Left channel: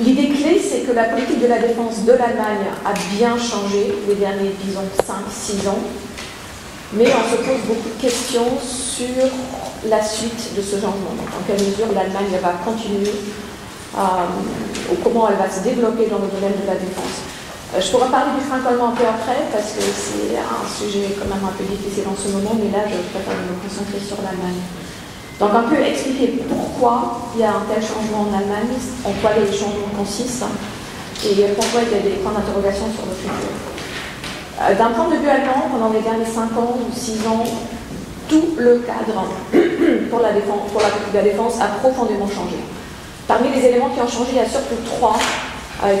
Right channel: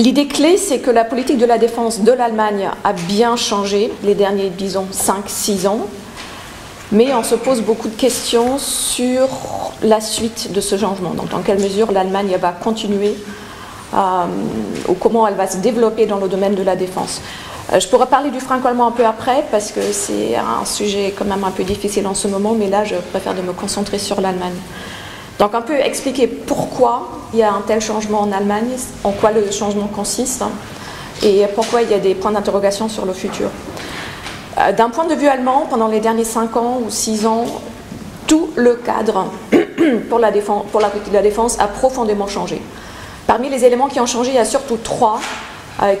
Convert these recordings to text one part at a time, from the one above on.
L'idée clé, c'est que la politique de la défense de l'Allemagne a bien changé les derniers, disons, 5-6 ans, mais on se pose beaucoup de questions sur la suite de ce changement. Donc, dans quelle mesure l'Allemagne va continuer ou comment elle va se développer dans le domaine de la défense. Je pourrais parler du franco-allemand un peu après, parce que c'est un sujet quand même un peu difficile en ce moment, mais là, je préfère de me concentrer sur l'Allemagne. Donc, un peu expliquer pourquoi il y a un tel changement en Allemagne, en quoi les changements consistent, et pourquoi il y a des points d'interrogation sur le futur. D'un point de vue allemand, pendant les derniers 5 ans ou 6 ans, tout le cadre pour la défense a profondément changé. Parmi les éléments qui ont changé, il y a surtout 3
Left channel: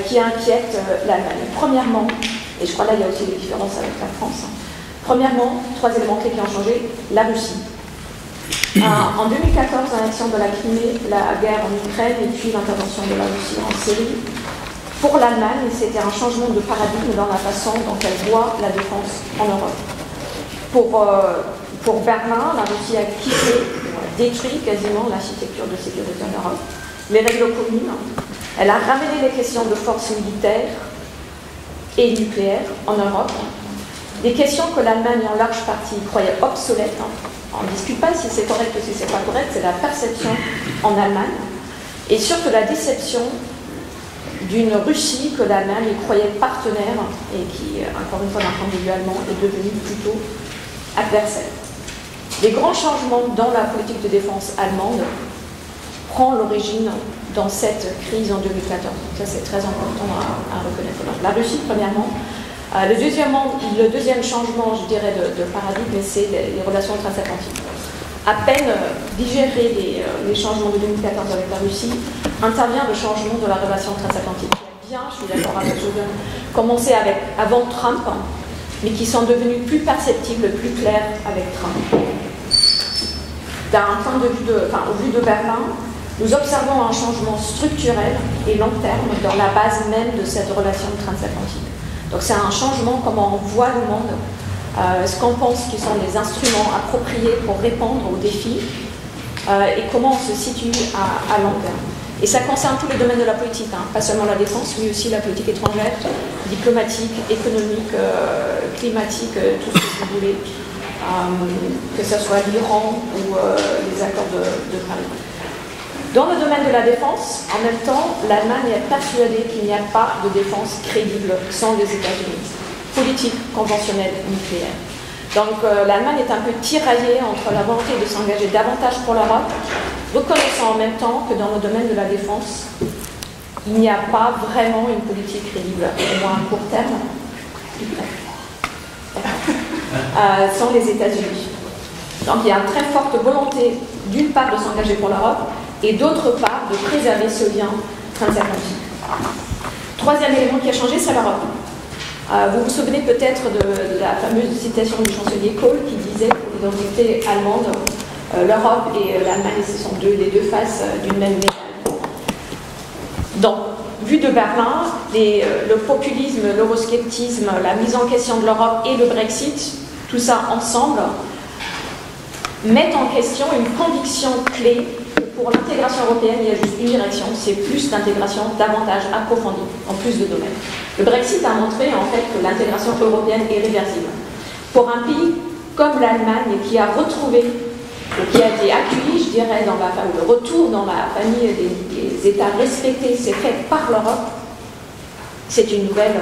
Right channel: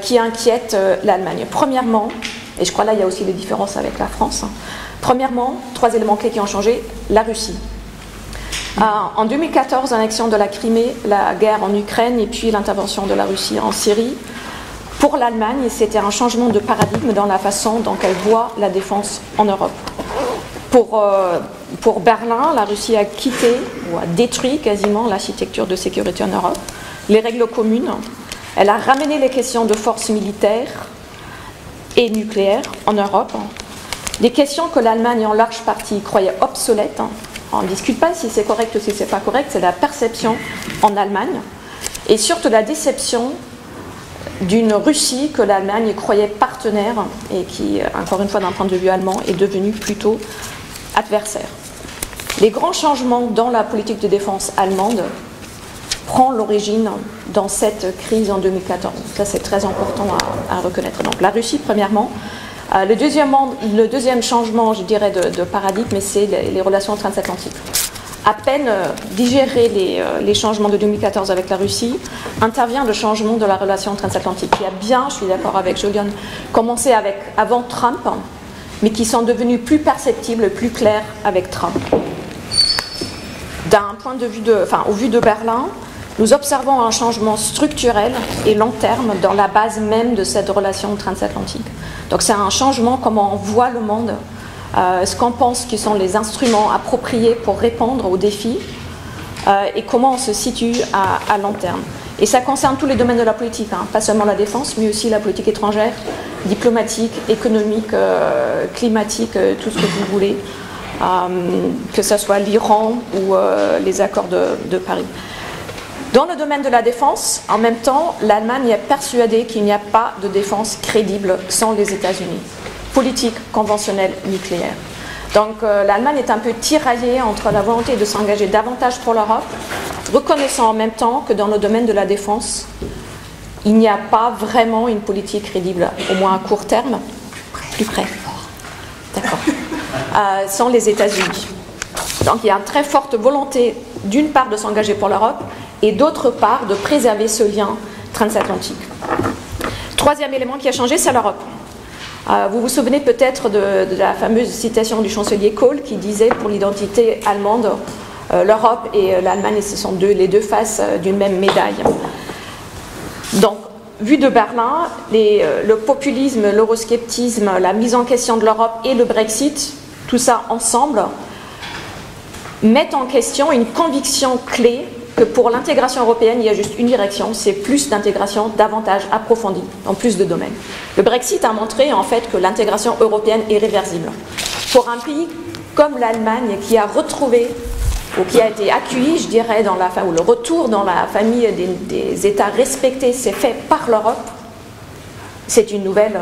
qui inquiètent l'Allemagne. Premièrement, et je crois là il y a aussi des différences avec la France, premièrement, 3 éléments clés qui ont changé, la Russie. En 2014, l'annexion de la Crimée, la guerre en Ukraine et puis l'intervention de la Russie en Syrie. Pour l'Allemagne, c'était un changement de paradigme dans la façon dont elle voit la défense en Europe. Pour Berlin, la Russie a quitté ou a détruit quasiment l'architecture de sécurité en Europe, les règles communes. Elle a ramené les questions de force militaire et nucléaire en Europe, des questions que l'Allemagne en large partie croyait obsolètes. On ne discute pas si c'est correct ou si c'est pas correct, c'est la perception en Allemagne, et surtout la déception d'une Russie que l'Allemagne croyait partenaire et qui, encore une fois d'un point de vue allemand, est devenue plutôt adversaire. Les grands changements dans la politique de défense allemande prennent l'origine dans cette crise en 2014. Ça, c'est très important à reconnaître. Donc, la Russie, premièrement. Le deuxième changement, je dirais, de paradigme, c'est les relations transatlantiques. À peine digérer les changements de 2014 avec la Russie, intervient le changement de la relation transatlantique, qui a bien, je suis d'accord avec Julian, commencé avant Trump, mais qui sont devenus plus perceptibles, plus clairs avec Trump. D'un point de vue au vu de Berlin, nous observons un changement structurel et long terme dans la base même de cette relation transatlantique. Donc c'est un changement comment on voit le monde, ce qu'on pense qui sont les instruments appropriés pour répondre aux défis et comment on se situe à long terme. Et ça concerne tous les domaines de la politique, hein, pas seulement la défense, mais aussi la politique étrangère, diplomatique, économique, climatique, tout ce que vous voulez, que ce soit l'Iran ou les accords de Paris. Dans le domaine de la défense, en même temps, l'Allemagne est persuadée qu'il n'y a pas de défense crédible sans les États-Unis. Politique, conventionnelle, nucléaire. Donc l'Allemagne est un peu tiraillée entre la volonté de s'engager davantage pour l'Europe, reconnaissant en même temps que dans le domaine de la défense, il n'y a pas vraiment une politique crédible, au moins à court terme, plus près. D'accord. Sans les États-Unis. Donc il y a une très forte volonté, d'une part, de s'engager pour l'Europe, et d'autre part, de préserver ce lien transatlantique. Troisième élément qui a changé, c'est l'Europe. Vous vous souvenez peut-être de la fameuse citation du chancelier Kohl qui disait pour l'identité allemande, l'Europe et l'Allemagne, ce sont les deux faces d'une même médaille. Donc, vu de Berlin, le populisme, l'eurosceptisme, la mise en question de l'Europe et le Brexit, tout ça ensemble, mettent en question une conviction clé que pour l'intégration européenne, il y a juste une direction, c'est plus d'intégration davantage approfondie, dans plus de domaines. Le Brexit a montré en fait que l'intégration européenne est réversible. Pour un pays comme l'Allemagne qui a retrouvé, ou qui a été accueilli, je dirais, ou le retour dans la famille des États respectés s'est fait par l'Europe, c'est une nouvelle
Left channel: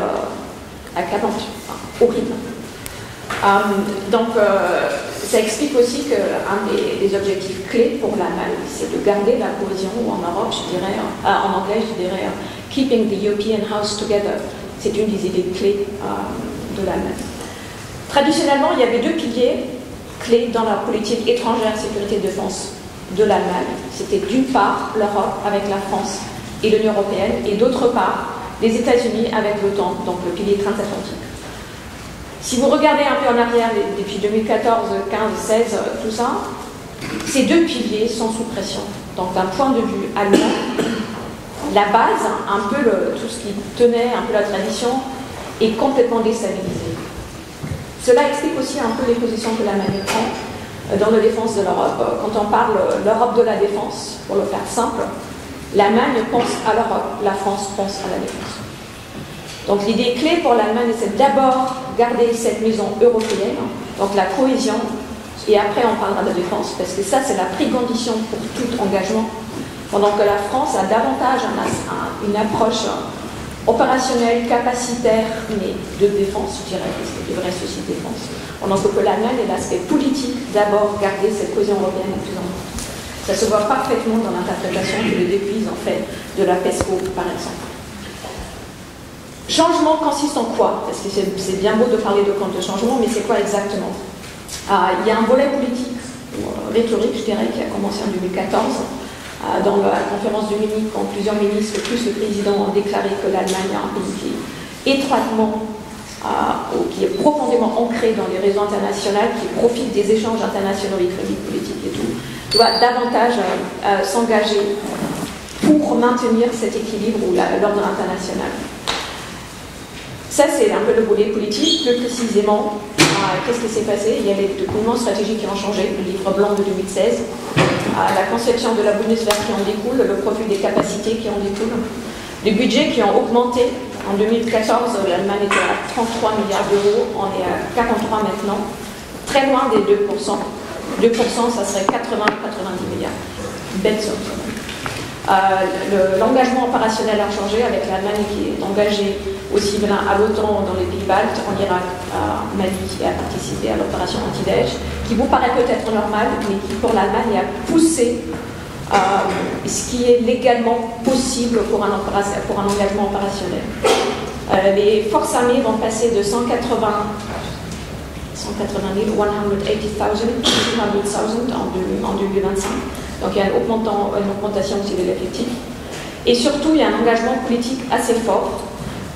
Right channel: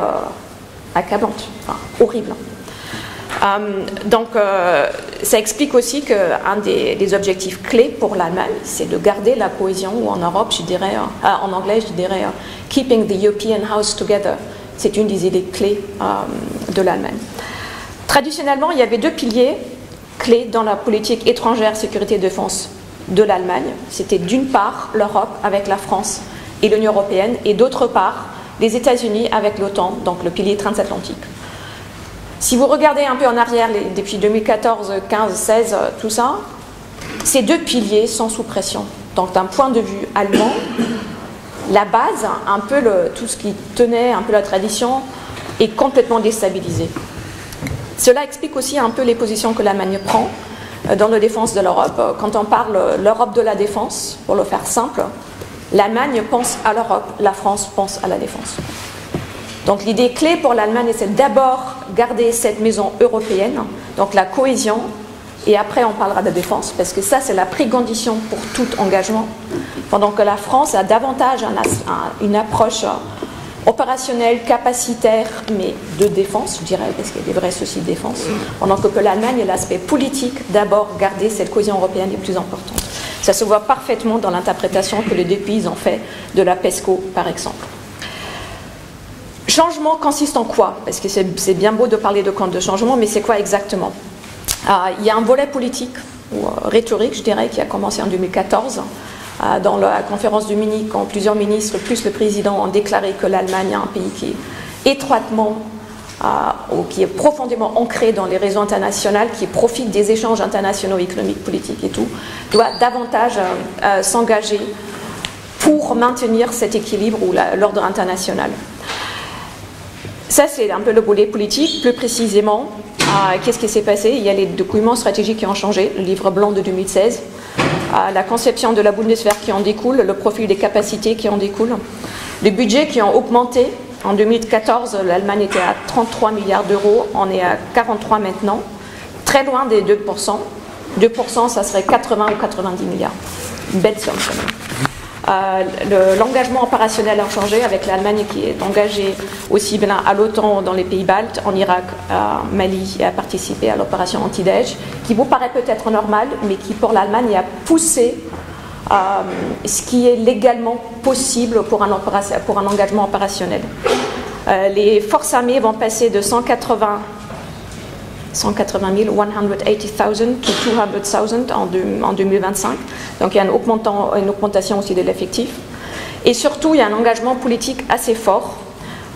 accablante, enfin, horrible. Donc, ça explique aussi qu'un des objectifs clés pour l'Allemagne, c'est de garder la cohésion, ou en Europe, je dirais, en anglais, je dirais keeping the European house together. C'est une des idées clés de l'Allemagne. Traditionnellement, il y avait 2 piliers clés dans la politique étrangère, sécurité et défense de l'Allemagne. C'était d'une part l'Europe avec la France et l'Union européenne, et d'autre part les États-Unis avec l'OTAN, donc le pilier transatlantique. Si vous regardez un peu en arrière, depuis 2014, 15, 16, tout ça, ces 2 piliers sont sous pression. Donc d'un point de vue allemand, la base, un peu tout ce qui tenait un peu la tradition, est complètement déstabilisé. Cela explique aussi un peu les positions que l'Allemagne prend dans la défense de l'Europe. Quand on parle l'Europe de la défense, pour le faire simple, L'Allemagne pense à l'Europe, la France pense à la défense. Donc l'idée clé pour l'Allemagne, c'est d'abord garder cette maison européenne, donc la cohésion, et après on parlera de la défense, parce que ça c'est la précondition pour tout engagement, pendant que la France a davantage une approche opérationnelle, capacitaire, mais de défense, je dirais, parce qu'il y a des vrais soucis de défense, pendant que l'Allemagne est l'aspect politique, d'abord garder cette cohésion européenne la plus importante. Ça se voit parfaitement dans l'interprétation que les deux pays ont fait de la PESCO, par exemple. Changement consiste en quoi? Parce que c'est bien beau de parler de changement, mais c'est quoi exactement? Il y a un volet politique, ou rhétorique, je dirais, qui a commencé en 2014. Dans la conférence de Munich, quand plusieurs ministres, plus le président, ont déclaré que l'Allemagne est un pays qui est étroitement, ou qui est profondément ancré dans les réseaux internationaux, qui profite des échanges internationaux, économiques, politiques et tout, doit davantage s'engager pour maintenir cet équilibre ou l'ordre international. Ça, c'est un peu le volet politique. Plus précisément, qu'est-ce qui s'est passé? Il y a les documents stratégiques qui ont changé, le livre blanc de 2016, la conception de la Bundeswehr qui en découle, le profil des capacités qui en découlent, les budgets qui ont augmenté. En 2014, l'Allemagne était à 33 milliards d'euros, on est à 43 maintenant, très loin des 2%. 2%, ça serait 80 ou 90 milliards. Une belle somme quand même. L'engagement opérationnel a changé avec l'Allemagne qui est engagée aussi bien à l'OTAN dans les pays baltes, en Irak, Mali, a participé à l'opération anti-Daesh, qui vous paraît peut-être normal, mais qui pour l'Allemagne a poussé ce qui est légalement possible pour un engagement opérationnel. Les forces armées vont passer de 180 000, 180,000 to 200,000 en 2025. Donc il y a une augmentation aussi de l'effectif. Et surtout, il y a un engagement politique assez fort,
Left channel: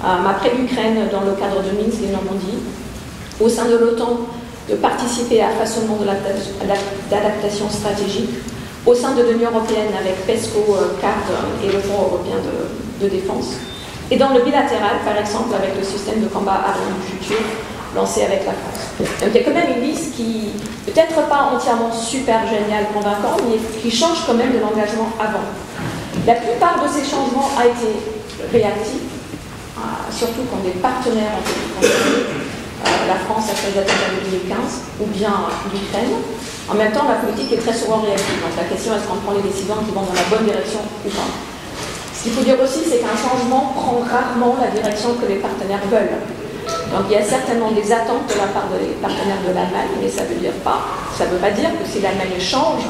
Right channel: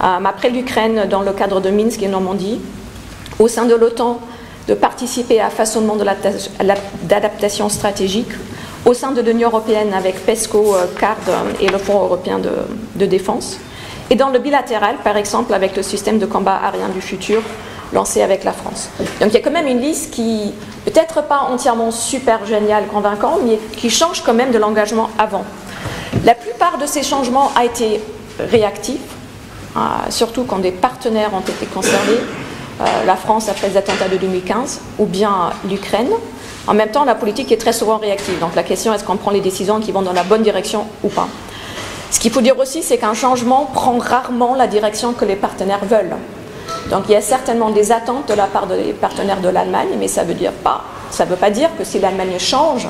après l'Ukraine, dans le cadre de Minsk et Normandie, au sein de l'OTAN, de participer à façonnement d'adaptation stratégique, au sein de l'Union européenne avec PESCO, CARD et le Fonds européen de défense, et dans le bilatéral, par exemple, avec le système de combat aérien du futur, lancé avec la France. Donc il y a quand même une liste qui, peut-être pas entièrement super géniale, convaincante, mais qui change quand même de l'engagement avant. La plupart de ces changements a été réactifs, surtout quand des partenaires ont été concernés, la France après les attentats de 2015, ou bien l'Ukraine. En même temps, la politique est très souvent réactive. Donc la question, est-ce qu'on prend les décisions qui vont dans la bonne direction ou pas? Ce qu'il faut dire aussi, c'est qu'un changement prend rarement la direction que les partenaires veulent. Donc il y a certainement des attentes de la part des partenaires de l'Allemagne, mais ça ne veut pas dire que si l'Allemagne change,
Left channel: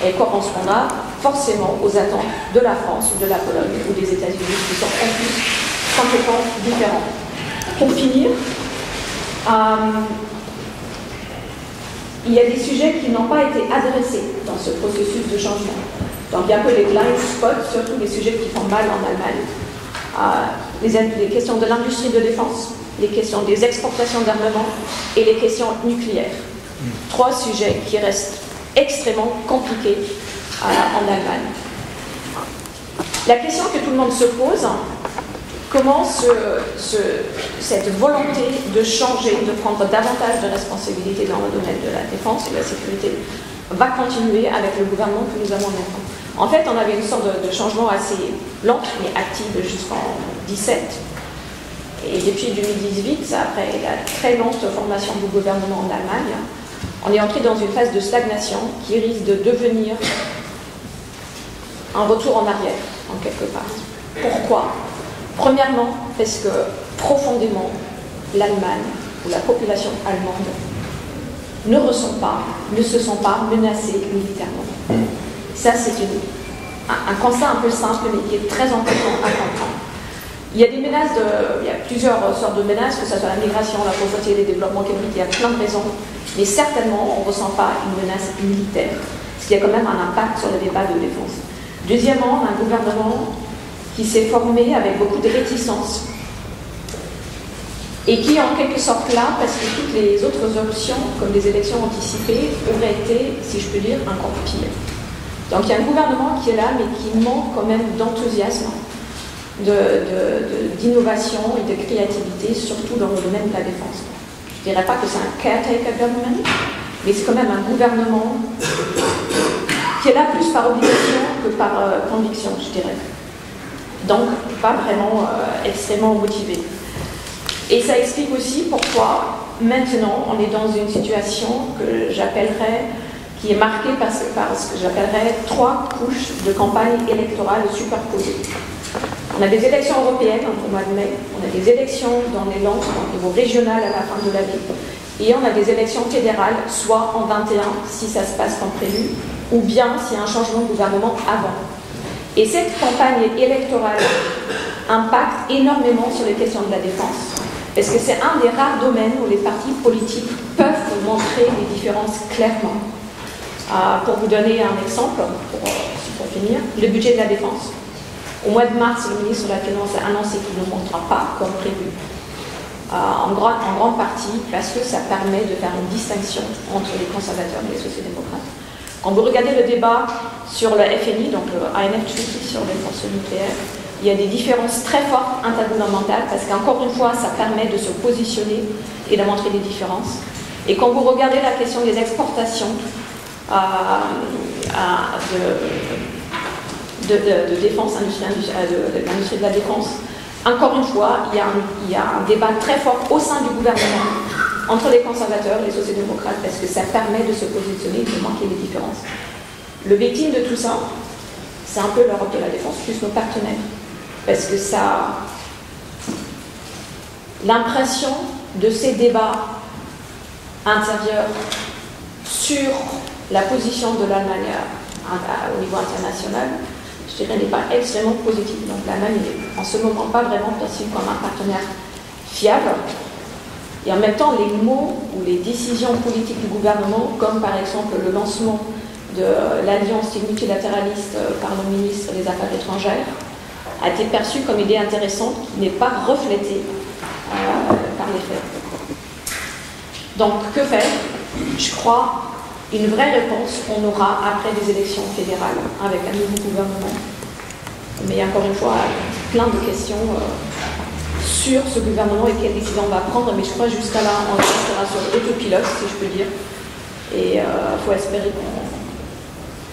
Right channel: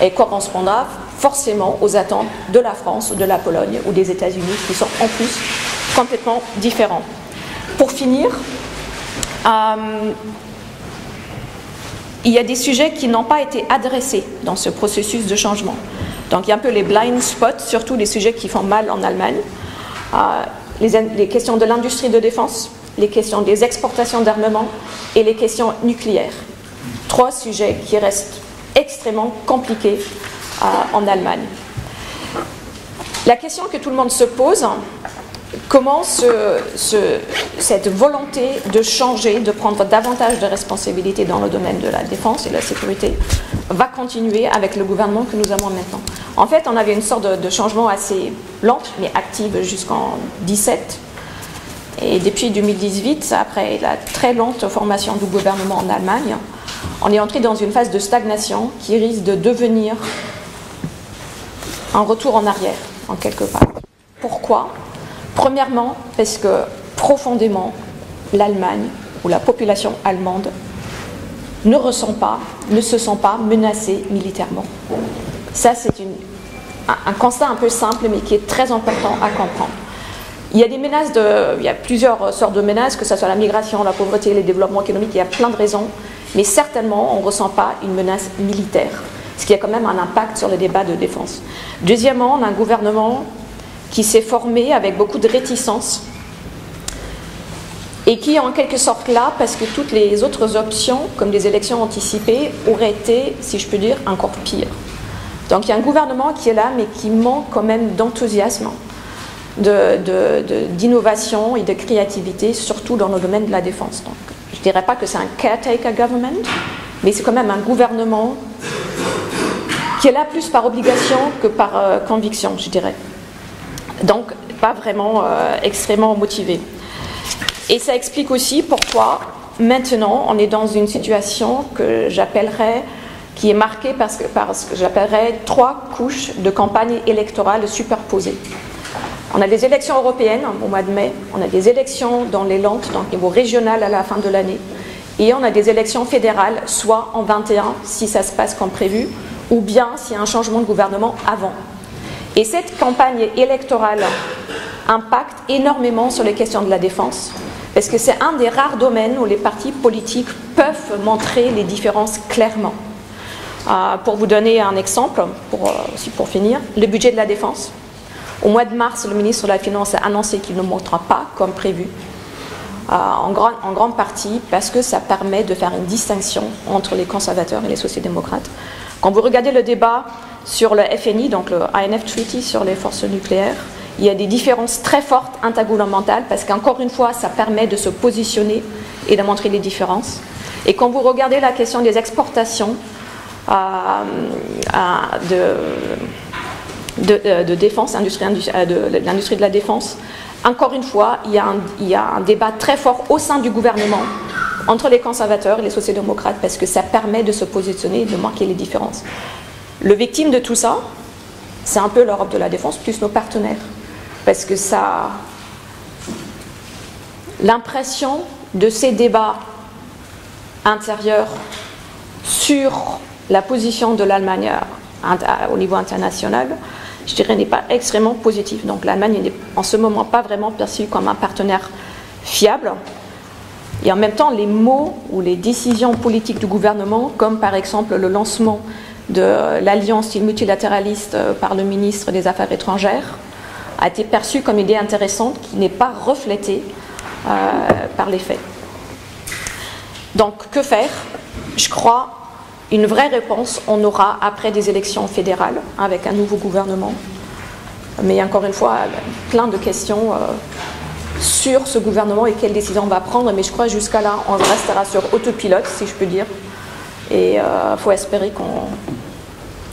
elle correspondra forcément aux attentes de la France, de la Pologne ou des États-Unis, qui sont en plus complètement différents. Pour finir, il y a des sujets qui n'ont pas été adressés dans ce processus de changement. Donc il y a un peu les blind spots, surtout les sujets qui font mal en Allemagne. Les questions de l'industrie de défense, les questions des exportations d'armement et les questions nucléaires. 3 sujets qui restent extrêmement compliqués en Allemagne. La question que tout le monde se pose, comment cette volonté de changer, de prendre davantage de responsabilités dans le domaine de la défense et de la sécurité va continuer avec le gouvernement que nous avons maintenant. En fait, on avait une sorte de changement assez lent mais actif jusqu'en 2017. Et depuis 2018, après la très lente formation du gouvernement en Allemagne, on est entré dans une phase de stagnation qui risque de devenir un retour en arrière, en quelque part. Pourquoi ? Premièrement, parce que profondément, l'Allemagne ou la population allemande ne se sent pas menacée militairement. Ça, c'est un constat un peu simple, mais qui est très important à comprendre. Il y a plusieurs sortes de menaces, que ce soit la migration, la pauvreté, les développements économiques, il y a plein de raisons, mais certainement, on ne ressent pas une menace militaire, ce qui a quand même un impact sur les débats de défense. Deuxièmement, on a un gouvernement qui s'est formé avec beaucoup de réticence et qui est en quelque sorte là parce que toutes les autres options, comme des élections anticipées, auraient été, si je peux dire, encore pires. Donc il y a un gouvernement qui est là, mais qui manque quand même d'enthousiasme, d'innovation et de créativité, surtout dans le domaine de la défense. Donc, je ne dirais pas que c'est un caretaker government, mais c'est quand même un gouvernement qui est là plus par obligation que par conviction, je dirais. Donc, pas vraiment extrêmement motivé. Et ça explique aussi pourquoi, maintenant, on est dans une situation que j'appellerais, qui est marquée par ce que j'appellerais 3 couches de campagne électorale superposées. On a des élections européennes au mois de mai, on a des élections dans les Landes, donc au niveau régional à la fin de l'année, et on a des élections fédérales, soit en 21, si ça se passe comme prévu, ou bien s'il y a un changement de gouvernement avant. Et cette campagne électorale impacte énormément sur les questions de la défense, parce que c'est un des rares domaines où les partis politiques peuvent montrer les différences clairement. Pour vous donner un exemple, pour finir, le budget de la défense. Au mois de mars, le ministre de la Finance a annoncé qu'il ne montera pas comme prévu, en grande partie parce que ça permet de faire une distinction entre les conservateurs et les sociaux-démocrates. Quand vous regardez le débat sur le FNI, donc le INF Treaty sur les forces nucléaires, il y a des différences très fortes intergouvernementales parce qu'encore une fois, ça permet de se positionner et de montrer les différences. Et quand vous regardez la question des exportations de défense, de l'industrie de la défense, encore une fois, il y a un débat très fort au sein du gouvernement entre les conservateurs et les sociaux-démocrates parce que ça permet de se positionner et de marquer les différences. Le victime de tout ça, c'est un peu l'Europe de la défense plus nos partenaires. Parce que ça, l'impression de ces débats intérieurs sur la position de l'Allemagne au niveau international, je dirais, n'est pas extrêmement positive. Donc l'Allemagne n'est en ce moment pas vraiment perçue comme un partenaire fiable. Et en même temps, les mots ou les décisions politiques du gouvernement, comme par exemple le lancement de l'alliance multilatéraliste par le ministre des Affaires étrangères, a été perçu comme une idée intéressante qui n'est pas reflétée par les faits. Donc, que faire? Je crois une vraie réponse, on aura après des élections fédérales avec un nouveau gouvernement. Mais encore une fois, plein de questions sur ce gouvernement et quelles décisions on va prendre. Mais je crois jusqu'à là, on restera sur autopilote, si je peux dire. Et il faut espérer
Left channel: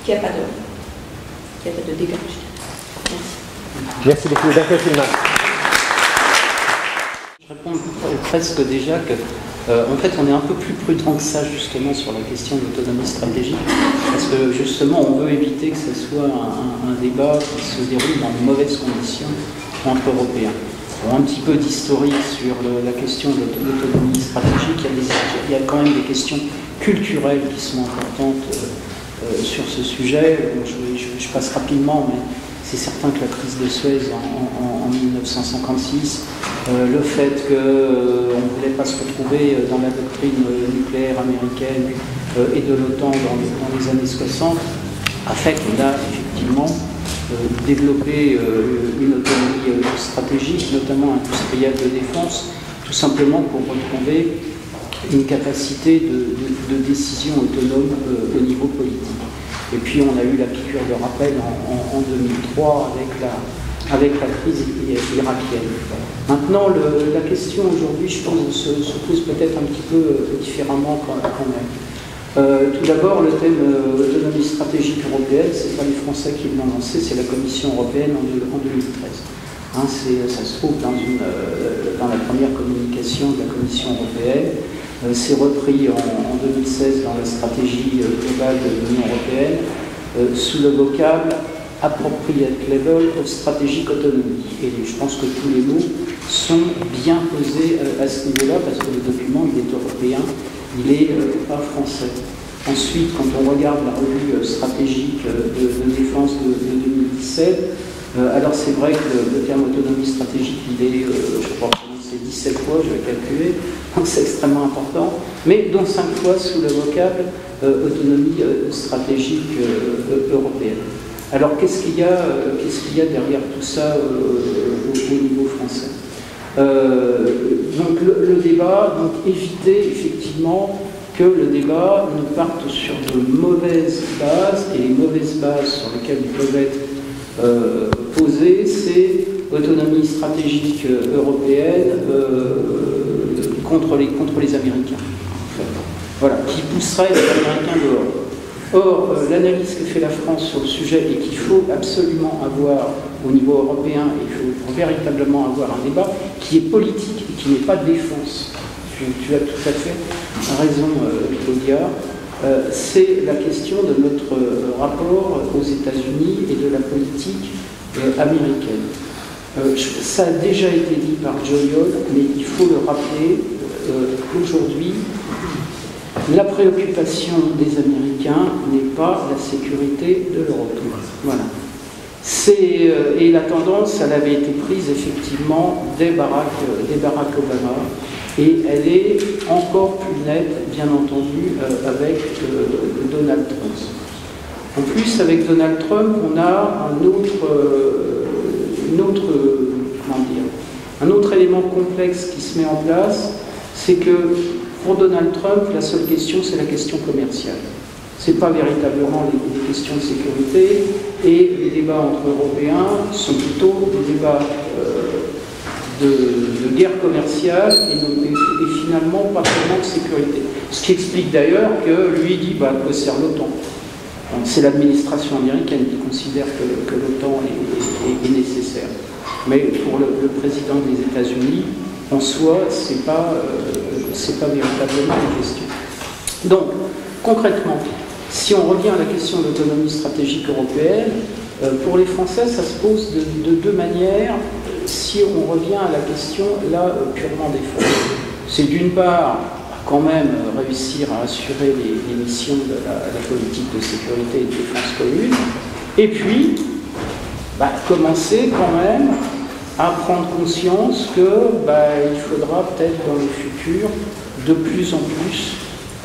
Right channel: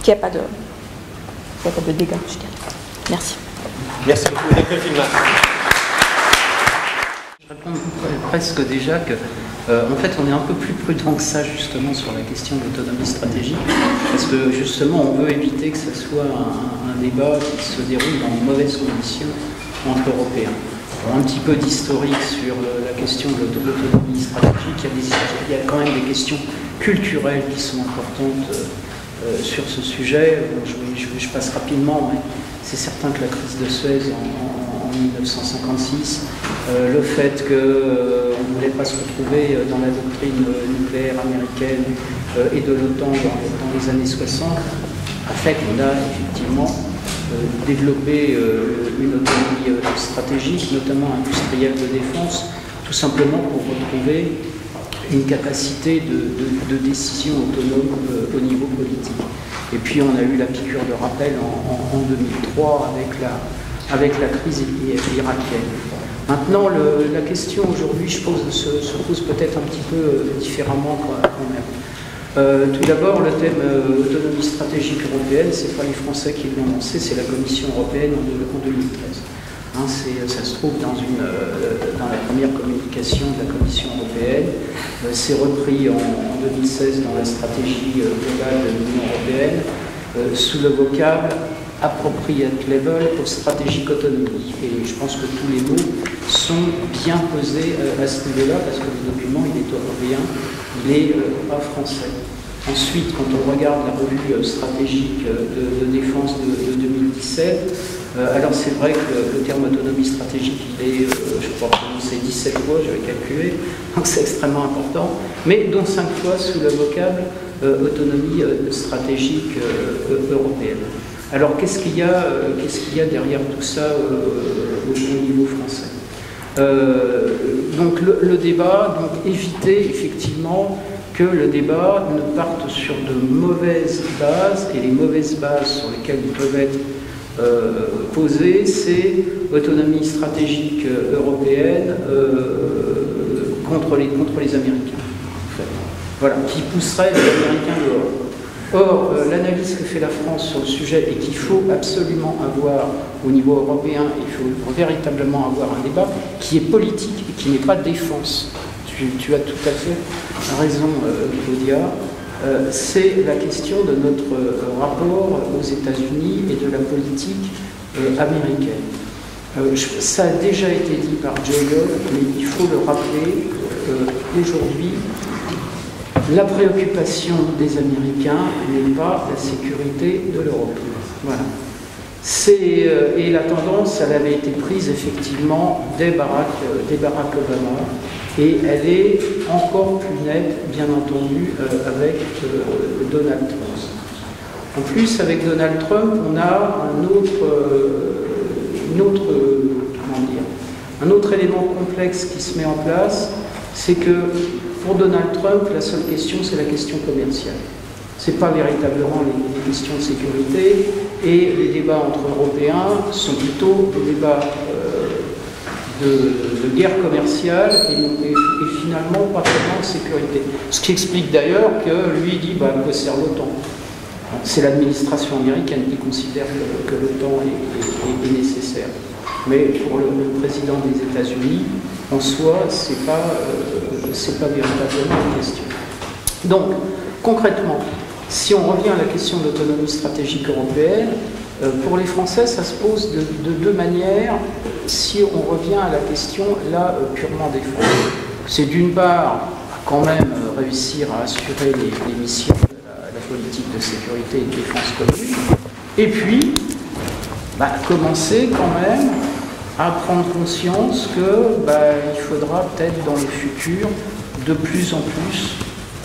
qu'il n'y ait pas de dégâts, je dirais. Merci. Merci beaucoup. Je réponds presque déjà que, en fait, on est un peu plus prudent que ça, justement, sur la question de l'autonomie stratégique, parce que, justement, on veut éviter que ce soit un débat qui se déroule dans de mauvaises conditions entre Européens. Alors, un petit peu d'historique sur la question de l'autonomie stratégique, il y a quand même des questions culturelles qui sont importantes sur ce sujet. Je passe rapidement, mais c'est certain que la crise de Suez en 1956, le fait qu'on ne voulait pas se retrouver dans la doctrine nucléaire américaine et de l'OTAN dans les années 60, a fait qu'on a effectivement développé une autonomie stratégique, notamment industrielle de défense, tout simplement pour retrouver une capacité de décision autonome au niveau politique. Et puis on a eu la piqûre de rappel en 2003 avec la crise irakienne. Maintenant, la question aujourd'hui se pose peut-être un petit peu différemment quand même. Tout d'abord, le thème autonomie stratégique européenne, ce n'est pas les Français qui l'ont lancé, c'est la Commission européenne en 2013. Ça se trouve dans la première communication de la Commission européenne. C'est repris en 2016 dans la stratégie globale de l'Union européenne sous le vocable appropriate level of strategic autonomy. Et je pense que tous les mots sont bien posés à ce niveau-là parce que le document il est européen, il n'est pas français. Ensuite, quand on regarde la revue stratégique de défense de 2017, alors c'est vrai que le terme autonomie stratégique, il est, je crois, prononcé 17 fois, je vais calculer, donc c'est extrêmement important, mais dont 5 fois sous le vocable autonomie stratégique européenne. Alors qu'est-ce qu'il y a derrière tout ça au niveau français? Donc le débat, donc éviter effectivement que le débat ne parte sur de mauvaises bases, et les mauvaises bases sur lesquelles ils peuvent être posées, c'est autonomie stratégique européenne contre les Américains, en fait. Voilà, qui pousserait les Américains dehors. Or, l'analyse que fait la France sur le sujet et qu'il faut absolument avoir au niveau européen, il faut véritablement avoir un débat qui est politique et qui n'est pas défense. Tu as tout à fait raison, Claudia. C'est la question de notre rapport aux États-Unis et de la politique américaine. Ça a déjà été dit par Joe Young, mais il faut le rappeler aujourd'hui. La préoccupation des Américains n'est pas la sécurité de l'Europe. Voilà. Et la tendance, elle avait été prise effectivement dès Barack Obama, et elle est encore plus nette, bien entendu, avec Donald Trump. En plus, avec Donald Trump, on a un autre élément complexe qui se met en place, c'est que pour Donald Trump, la seule question, c'est la question commerciale. Ce n'est pas véritablement les questions de sécurité, et les débats entre Européens sont plutôt des débats de guerre commerciale et finalement pas vraiment de sécurité. Ce qui explique d'ailleurs que lui dit à quoi sert l'OTAN. C'est l'administration américaine qui considère que l'OTAN est nécessaire. Mais pour le président des États-Unis, en soi, c'est pas véritablement une question. Donc, concrètement, si on revient à la question de l'autonomie stratégique européenne, pour les Français, ça se pose de deux manières. Si on revient à la question, là, purement des forces, c'est d'une part, quand même, réussir à assurer les missions de la politique de sécurité et de défense commune, et puis, commencer quand même à prendre conscience qu'il faudra peut-être dans le futur, de plus en plus,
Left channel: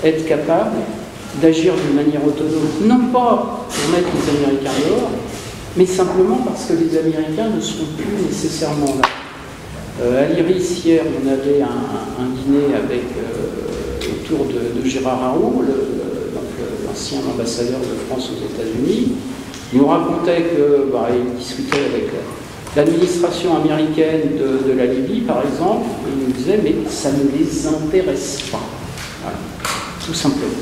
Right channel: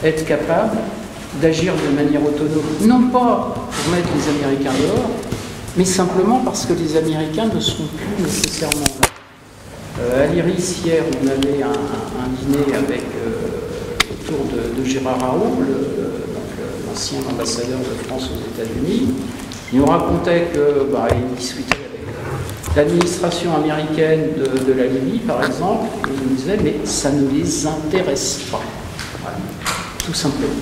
être capable d'agir de manière autonome, non pas pour mettre les Américains dehors, mais simplement parce que les Américains ne seront plus nécessairement là. À l'Iris, hier, on avait un dîner autour de Gérard Araud, l'ancien ambassadeur de France aux États-Unis. Il nous racontait qu'il discutait avec l'administration américaine de la Libye, par exemple, et il nous disait, mais ça ne les intéresse pas. Voilà. Tout simplement.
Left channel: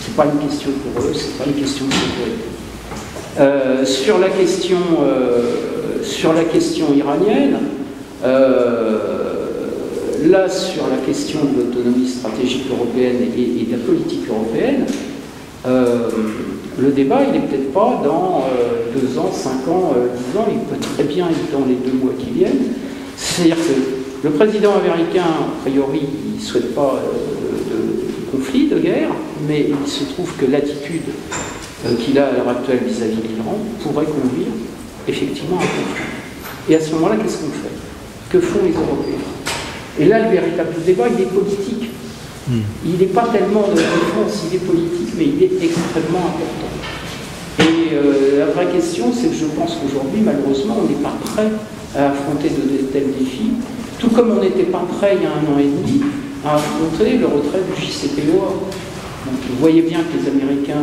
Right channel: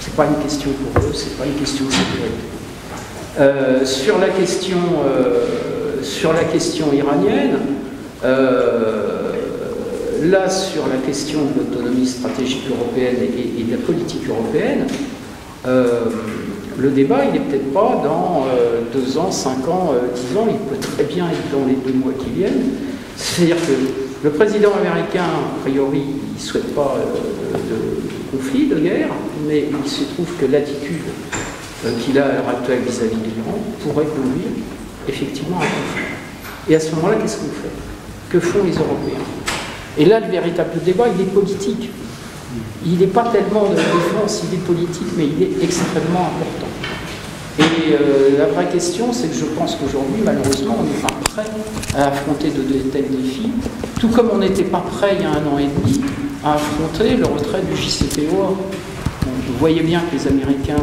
Ce n'est pas une question pour eux, ce n'est pas une question de sécurité. Sur la question iranienne, là, sur la question de l'autonomie stratégique européenne et de la politique européenne, le débat, il n'est peut-être pas dans 2 ans, 5 ans, 10 ans, il peut très bien être dans les 2 mois qui viennent. C'est-à-dire que le président américain, a priori, il ne souhaite pas de conflit, de guerre, mais il se trouve que l'attitude qu'il a à l'heure actuelle vis-à-vis de l'Iran pourrait conduire effectivement à un conflit. Et à ce moment-là, qu'est-ce qu'on fait? Que font les Européens? Et là, le véritable débat, il est politique. Il n'est pas tellement de la défense, il est politique, mais il est extrêmement important. Et la vraie question, c'est que je pense qu'aujourd'hui, malheureusement, on n'est pas prêt à affronter de tels défis, tout comme on n'était pas prêt il y a 1 an et demi à affronter le retrait du JCPOA. Donc, vous voyez bien que les Américains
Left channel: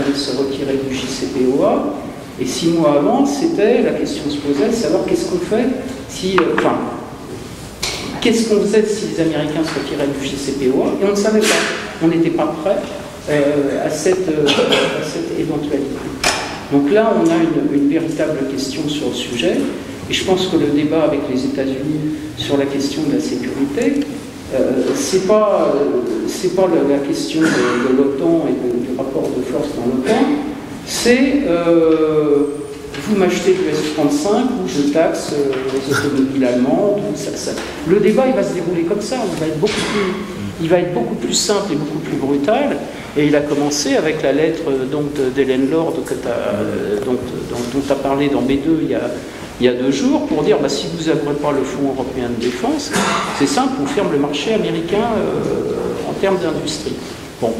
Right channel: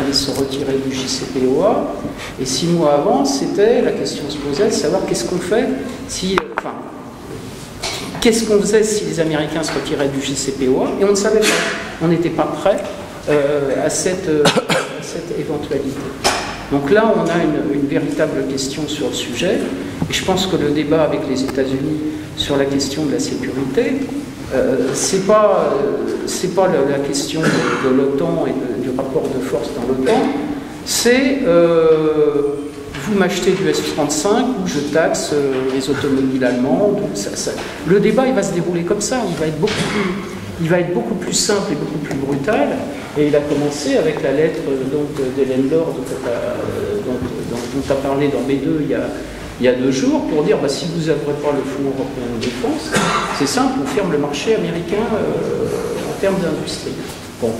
allaient se retirer du JCPOA, et 6 mois avant, c'était la question se posait de savoir qu'est-ce qu'on fait si... qu'est-ce qu'on faisait si les Américains se retiraient du JCPOA? Et on ne savait pas. On n'était pas prêt à cette éventualité. Donc là, on a une véritable question sur le sujet. Et je pense que le débat avec les États-Unis sur la question de la sécurité, c'est pas la question de l'OTAN et du rapport de force dans l'OTAN. C'est vous m'achetez du S-35 ou je taxe les automobiles allemandes. Le débat, il va se dérouler comme ça. Il va être beaucoup plus simple et beaucoup plus brutal. Et il a commencé avec la lettre d'Hélène Lord dont tu as parlé dans B2 il y a 2 jours pour dire si vous n'avez pas le Fonds européen de défense, c'est simple, on ferme le marché américain en termes d'industrie. Bon.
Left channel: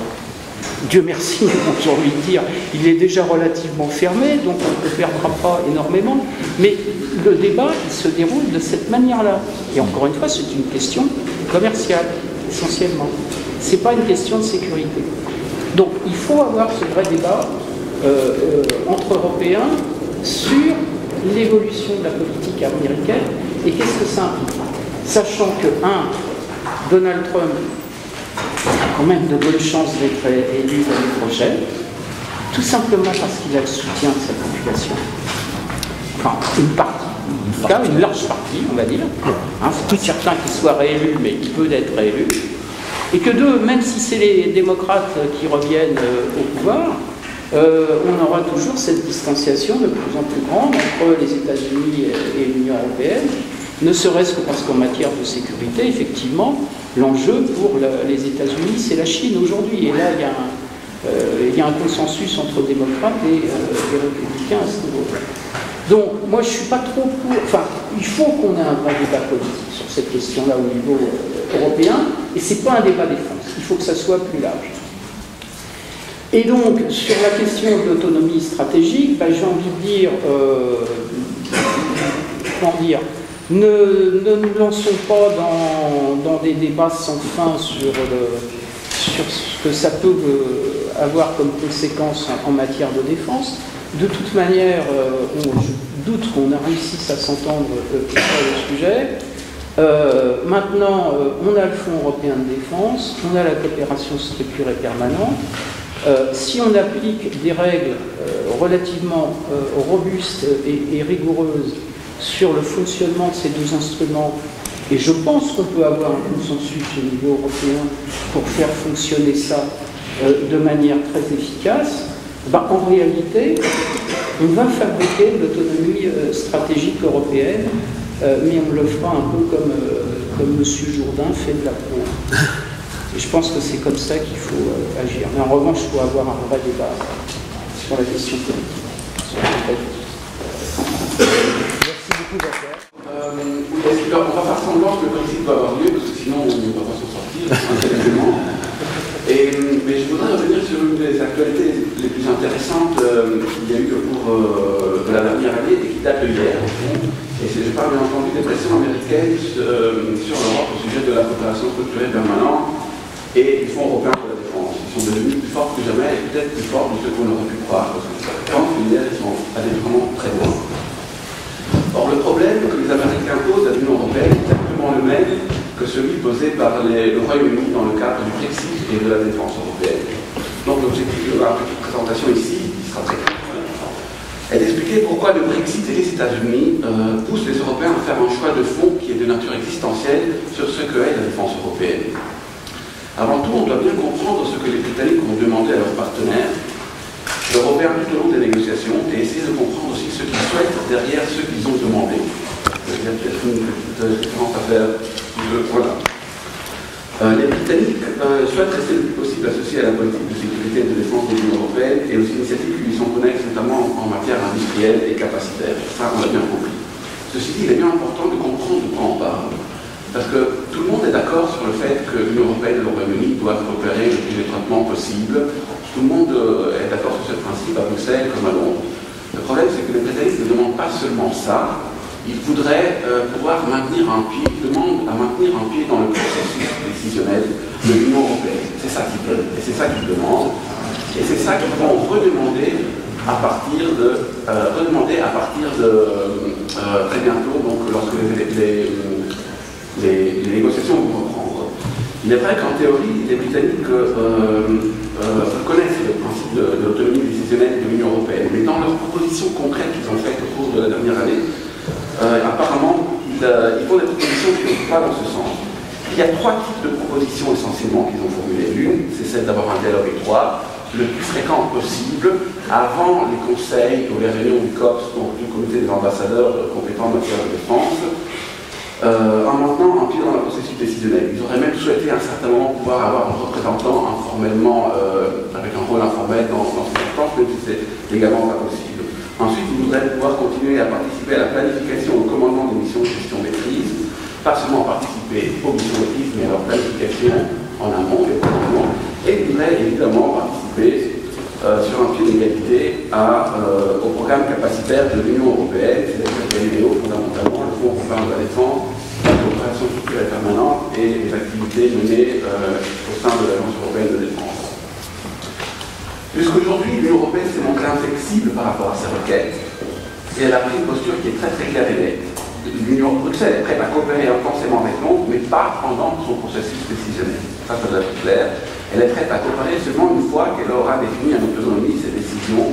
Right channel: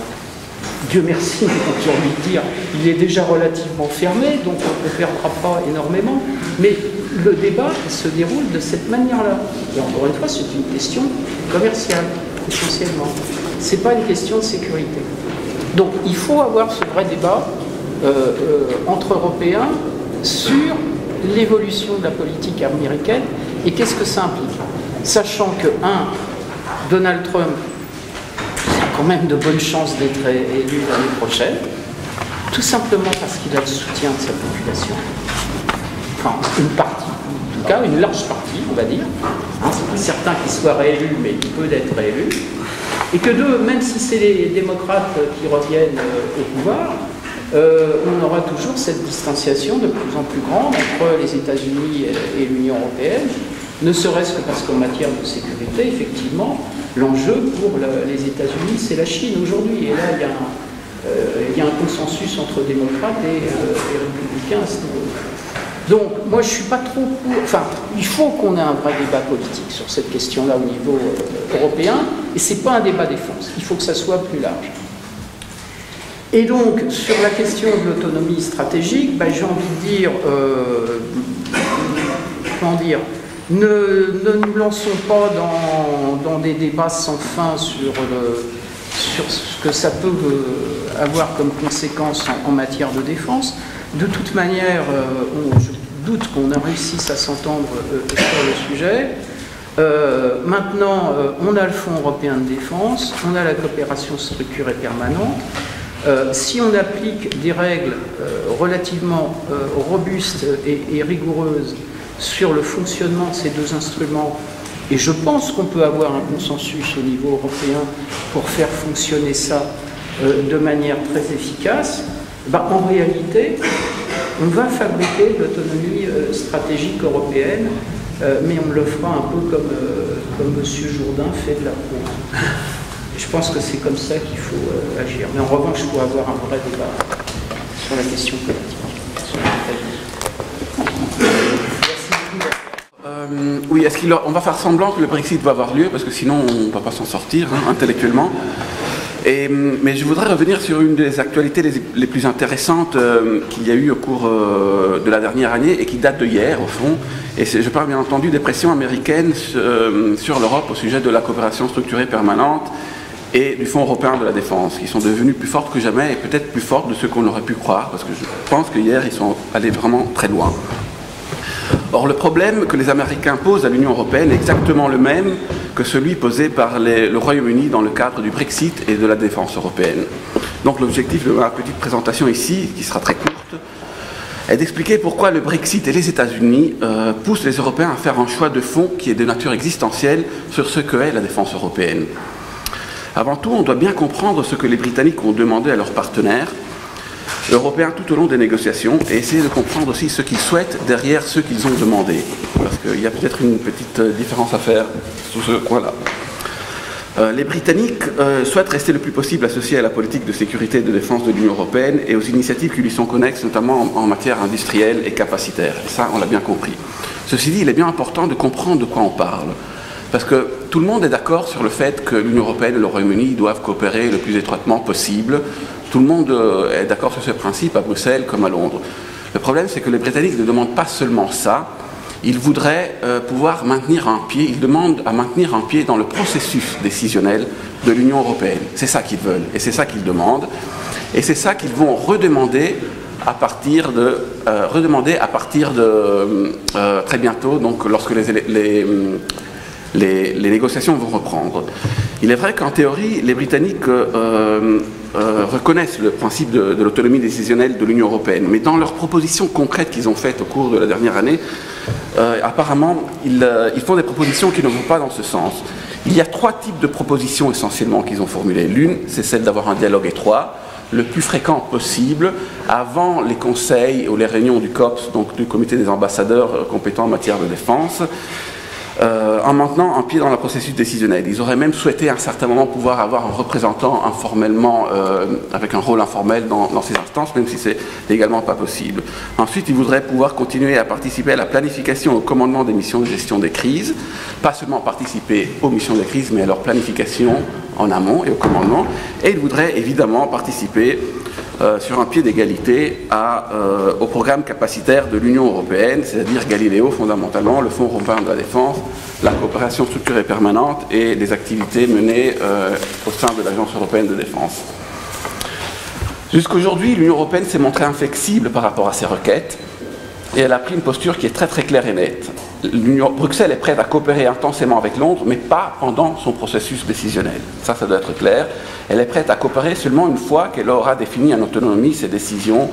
Dieu merci, j'ai envie de dire, il est déjà relativement fermé, donc on ne perdra pas énormément. Mais le débat, il se déroule de cette manière-là. Et encore une fois, c'est une question commerciale, essentiellement. Ce n'est pas une question de sécurité. Donc il faut avoir ce vrai débat entre Européens sur l'évolution de la politique américaine et qu'est-ce que ça implique. Sachant que, Donald Trump a quand même de bonnes chances d'être élu l'année prochaine. tout simplement parce qu'il a le soutien de sa population, enfin une partie, en tout cas une large partie, on va dire. C'est plus certain qu'il soit réélu, mais il peut être réélu. Et que deux, même si c'est les démocrates qui reviennent au pouvoir, on aura toujours cette distanciation de plus en plus grande entre les États-Unis et l'Union européenne, ne serait-ce que parce qu'en matière de sécurité, effectivement, l'enjeu pour les États-Unis, c'est la Chine aujourd'hui. Et là, il y a un consensus entre démocrates et républicains à ce niveau. Donc, moi, je ne suis pas trop pour... Enfin, il faut qu'on ait un vrai débat politique sur cette question-là au niveau européen, et ce n'est pas un débat défense. Il faut que ça soit plus large. Et donc, sur la question de l'autonomie stratégique, ben, j'ai envie de dire... comment dire, ne nous lançons pas dans des débats sans fin sur ce que ça peut avoir comme conséquence en matière de défense. De toute manière, je doute qu'on réussisse à s'entendre sur le sujet. Maintenant, on a le Fonds européen de défense, on a la coopération structurée permanente. Si on applique des règles relativement robustes et rigoureuses sur le fonctionnement de ces deux instruments, et je pense qu'on peut avoir un consensus au niveau européen pour faire fonctionner ça de manière très efficace, ben, en réalité, on va fabriquer l'autonomie stratégique européenne, mais on le fera un peu comme M. Jourdain fait de la pro. Et je pense que c'est comme ça qu'il faut agir. Mais en revanche, il faut avoir un vrai débat sur la question politique. Oui, on va faire semblant que le Brexit va avoir lieu, parce que sinon on ne va pas s'en sortir intellectuellement. Mais je voudrais revenir sur une des actualités les plus intéressantes qu'il y a eu au cours de la dernière année et qui date de hier, au fond. Et je parle bien entendu des pressions américaines sur l'Europe au sujet de la coopération structurée permanente et du Fonds européen de la défense, qui sont devenus plus forts que jamais, et peut-être plus forts de ce qu'on aurait pu croire, parce que je pense qu'hier ils sont allés vraiment très loin. Or, le problème que les Américains posent à l'Union européenne est exactement le même que celui posé par le Royaume-Uni dans le cadre du Brexit et de la défense européenne. Donc l'objectif de ma petite présentation ici, qui sera très courte, est d'expliquer pourquoi le Brexit et les États-Unis poussent les Européens à faire un choix de fond qui est de nature existentielle sur ce que est la défense européenne. Avant tout, on doit bien comprendre ce que les Britanniques ont demandé à leurs partenaires européens tout au long des négociations et essayer de comprendre aussi ce qu'ils souhaitent derrière ce qu'ils ont demandé. Il y a peut-être une petite différence à faire sur ce point-là. Les Britanniques souhaitent rester le plus possible associés à la politique de sécurité et de défense de l'Union européenne et aux initiatives qui lui sont connexes, notamment en matière industrielle et capacitaire. Ça, on l'a bien compris. Ceci dit, il est bien important de comprendre de quoi on parle. Parce que tout le monde est d'accord sur le fait que l'Union européenne et le Royaume-Uni doivent coopérer le plus étroitement possible. Tout le monde est d'accord sur ce principe à Bruxelles comme à Londres. Le problème, c'est que les Britanniques ne demandent pas seulement ça. Ils voudraient pouvoir maintenir un pied, ils demandent à maintenir un pied dans le processus décisionnel de l'Union européenne. C'est ça qu'ils veulent et c'est ça qu'ils demandent. Et c'est ça qu'ils vont redemander à partir de très bientôt, donc lorsque les négociations vont reprendre. Il est vrai qu'en théorie, les Britanniques reconnaissent le principe de l'autonomie décisionnelle de l'Union européenne, mais dans leurs propositions concrètes qu'ils ont faites au cours de la dernière année, apparemment, ils font des propositions qui ne vont pas dans ce sens. Il y a trois types de propositions essentiellement qu'ils ont formulées. L'une, c'est celle d'avoir un dialogue étroit, le plus fréquent possible, avant les conseils ou les réunions du COPS, donc du comité des ambassadeurs compétents en matière de défense, en maintenant un pied dans le processus décisionnel. Ils auraient même souhaité à un certain moment pouvoir avoir un représentant informellement, avec un rôle informel dans ces instances, même si c'est légalement pas possible. Ensuite, ils voudraient pouvoir continuer à participer à la planification et au commandement des missions de gestion des crises, pas seulement participer aux missions des crises, mais à leur planification en amont et au commandement. Et ils voudraient évidemment participer sur un pied d'égalité au programme capacitaire de l'Union européenne, c'est-à-dire Galileo fondamentalement, le Fonds européen de la défense, la coopération structurée permanente et les activités menées au sein de l'Agence européenne de défense. Jusqu'aujourd'hui, l'Union européenne s'est montrée inflexible par rapport à ces requêtes et elle a pris une posture qui est très très claire et nette. Bruxelles est prête à coopérer intensément avec Londres, mais pas pendant son processus décisionnel. Ça doit être clair. Elle est prête à coopérer seulement une fois qu'elle aura défini en autonomie ses décisions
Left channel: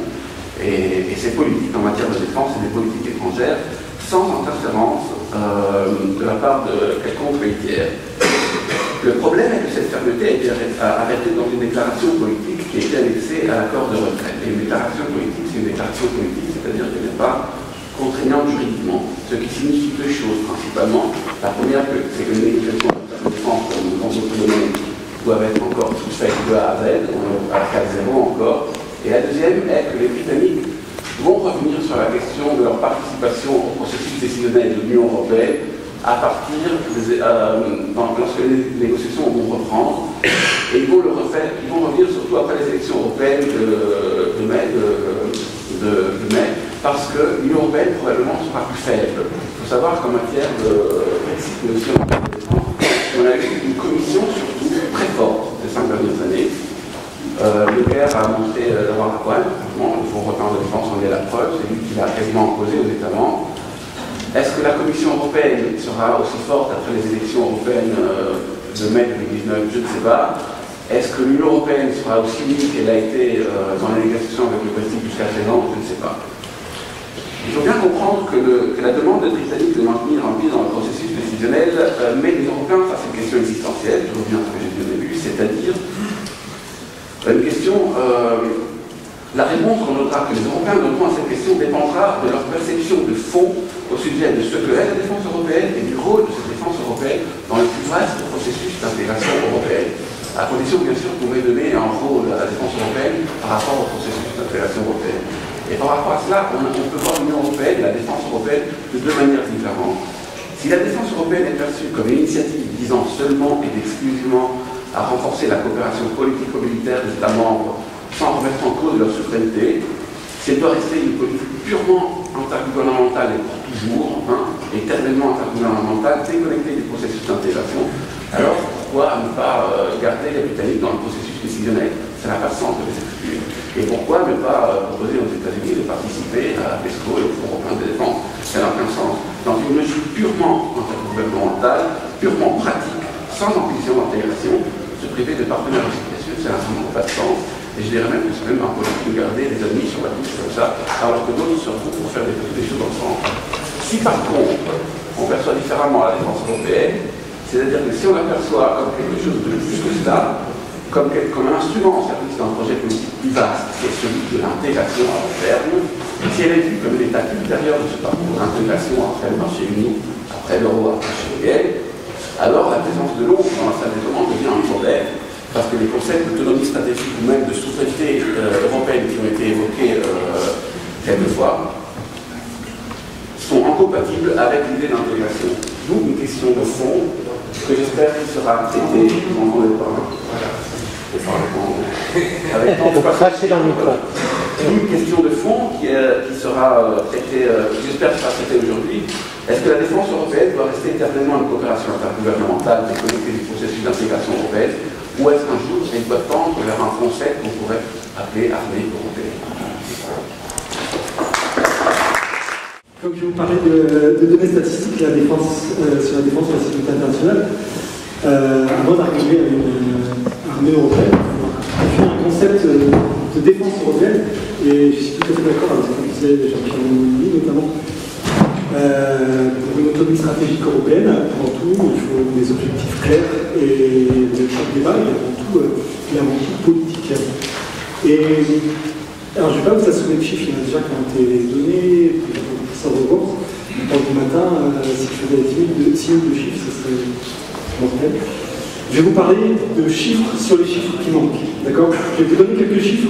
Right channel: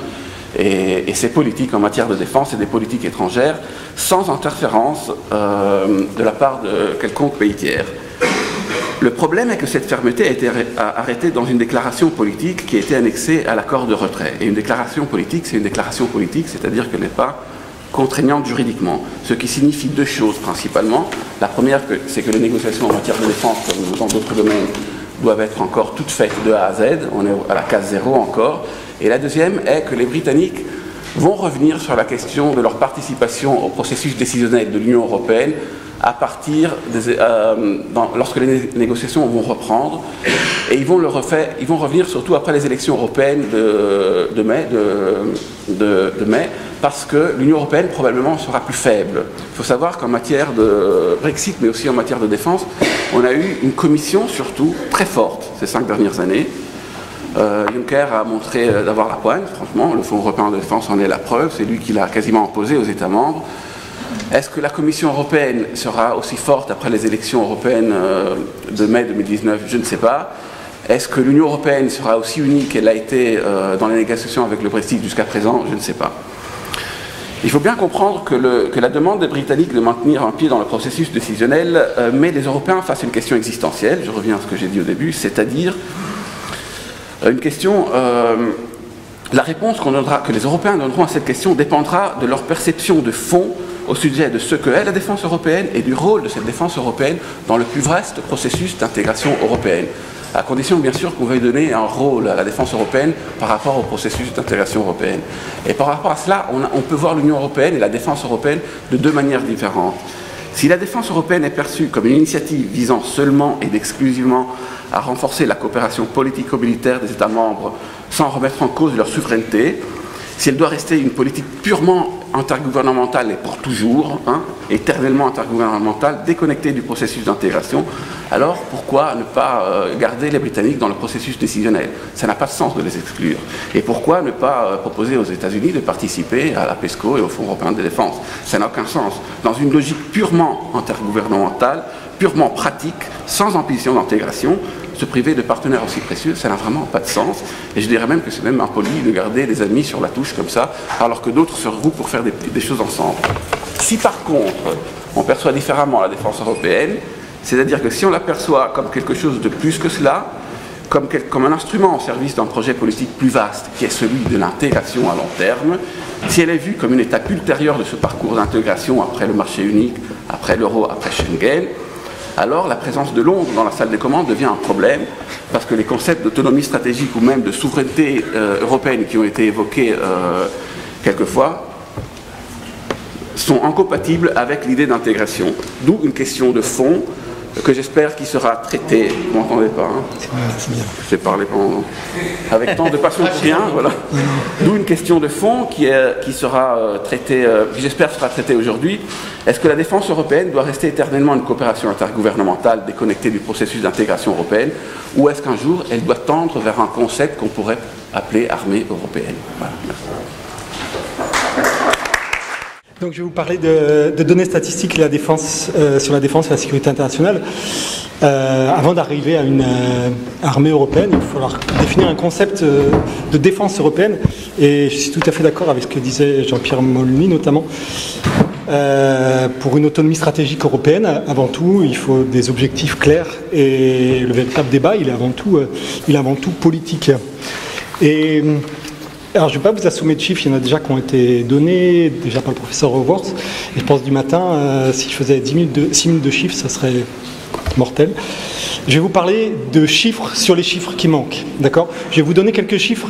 et ses politiques en matière de défense et des politiques étrangères, sans interférence de la part de quelconque pays tiers. Le problème est que cette fermeté a été arrêtée dans une déclaration politique qui a été annexée à l'accord de retrait. Et une déclaration politique, c'est une déclaration politique, c'est-à-dire qu'elle n'est pas contraignante juridiquement, ce qui signifie deux choses principalement. La première, c'est que les négociations en matière de défense, comme dans d'autres domaines, doivent être encore toutes faites de A à Z, on est à la case zéro encore. Et la deuxième est que les Britanniques vont revenir sur la question de leur participation au processus décisionnel de l'Union européenne à partir lorsque les négociations vont reprendre, et ils vont revenir surtout après les élections européennes de mai, parce que l'Union européenne probablement sera plus faible. Il faut savoir qu'en matière de Brexit, mais aussi en matière de défense, on a eu une commission surtout très forte ces 5 dernières années. Leclerc a montré d'avoir la pointe, franchement, le Fonds européen de défense en est la preuve, c'est lui qui l'a quasiment imposé aux États membres. Est-ce que la Commission européenne sera aussi forte après les élections européennes de mai 2019? Je ne sais pas. Est-ce que l'Union européenne sera aussi unie qu'elle a été dans les négociations avec le Brexit jusqu'à présent? Je ne sais pas. Il faut bien comprendre que la demande des Britanniques de maintenir un pied dans le processus décisionnel met les Européens face à une question existentielle, je reviens à ce que j'ai dit au début, c'est-à-dire une question... la réponse que les Européens donneront à cette question dépendra de leur perception de fond au sujet de ce que est la défense européenne et du rôle de cette défense européenne dans le plus vaste processus d'intégration européenne. À condition, bien sûr, que vous pouvez donner un rôle à la défense européenne par rapport au processus d'intégration européenne. Et par rapport à cela, on peut voir l'Union européenne et la défense européenne de deux manières différentes. Si la défense européenne est perçue comme une initiative visant seulement et exclusivement à renforcer la coopération politico-militaire des États membres sans remettre en cause leur souveraineté, si elle doit rester une politique purement intergouvernementale et pour toujours, éternellement intergouvernementale, déconnectée du processus d'intégration, alors pourquoi ne pas garder les Britanniques dans le processus décisionnel? Ça n'a pas de sens de les exclure. Et pourquoi ne pas proposer aux États-Unis de participer à la PESCO et au Fonds européen de défense? Ça n'a aucun sens. Dans une logique purement intergouvernementale, purement pratique, sans ambition d'intégration, se priver de partenaires aussi précieux, ça n'a vraiment pas de sens. Et je dirais même que c'est même impoli de garder des amis sur la touche comme ça, alors que d'autres se regroupent pour faire des choses ensemble. Si par contre, on perçoit différemment la défense européenne, c'est-à-dire que si on l'aperçoit comme quelque chose de plus que cela, comme un instrument au service d'un projet politique plus vaste, qui est celui de l'intégration à long terme, si elle est vue comme une étape ultérieure de ce parcours d'intégration après le marché unique, après l'euro, après Schengen, alors la présence de Londres dans la salle des commandes devient un problème, parce que les concepts d'autonomie stratégique ou même de souveraineté européenne qui ont été évoqués quelquefois sont incompatibles avec l'idée d'intégration. D'où une question de fond que j'espère qu'il sera traité. Vous m'entendez pas, j'ai parlé avec tant de passion bien, voilà. D'où une question de fond qui sera traitée, qui j'espère sera traitée aujourd'hui. Est-ce que la défense européenne doit rester éternellement une coopération intergouvernementale déconnectée du processus d'intégration européenne, ou est-ce qu'un jour elle doit tendre vers un concept qu'on pourrait appeler armée européenne? Donc je vais vous parler de données statistiques et la défense, sur la défense et la sécurité internationale. Avant d'arriver à une armée européenne, il va falloir définir un concept de défense européenne. Et je suis tout à fait d'accord avec ce que disait Jean-Pierre Molny notamment. Pour une autonomie stratégique européenne, avant tout, il faut des objectifs clairs. Et le véritable débat, il est avant tout politique. Et... alors, je ne vais pas vous assommer de chiffres, il y en a déjà qui ont été donnés, déjà par le professeur Roworth. Je pense du matin, si je faisais 6 000 de chiffres, ça serait mortel. Je vais vous parler de chiffres sur les chiffres qui manquent, d'accord? Je vais vous donner quelques chiffres,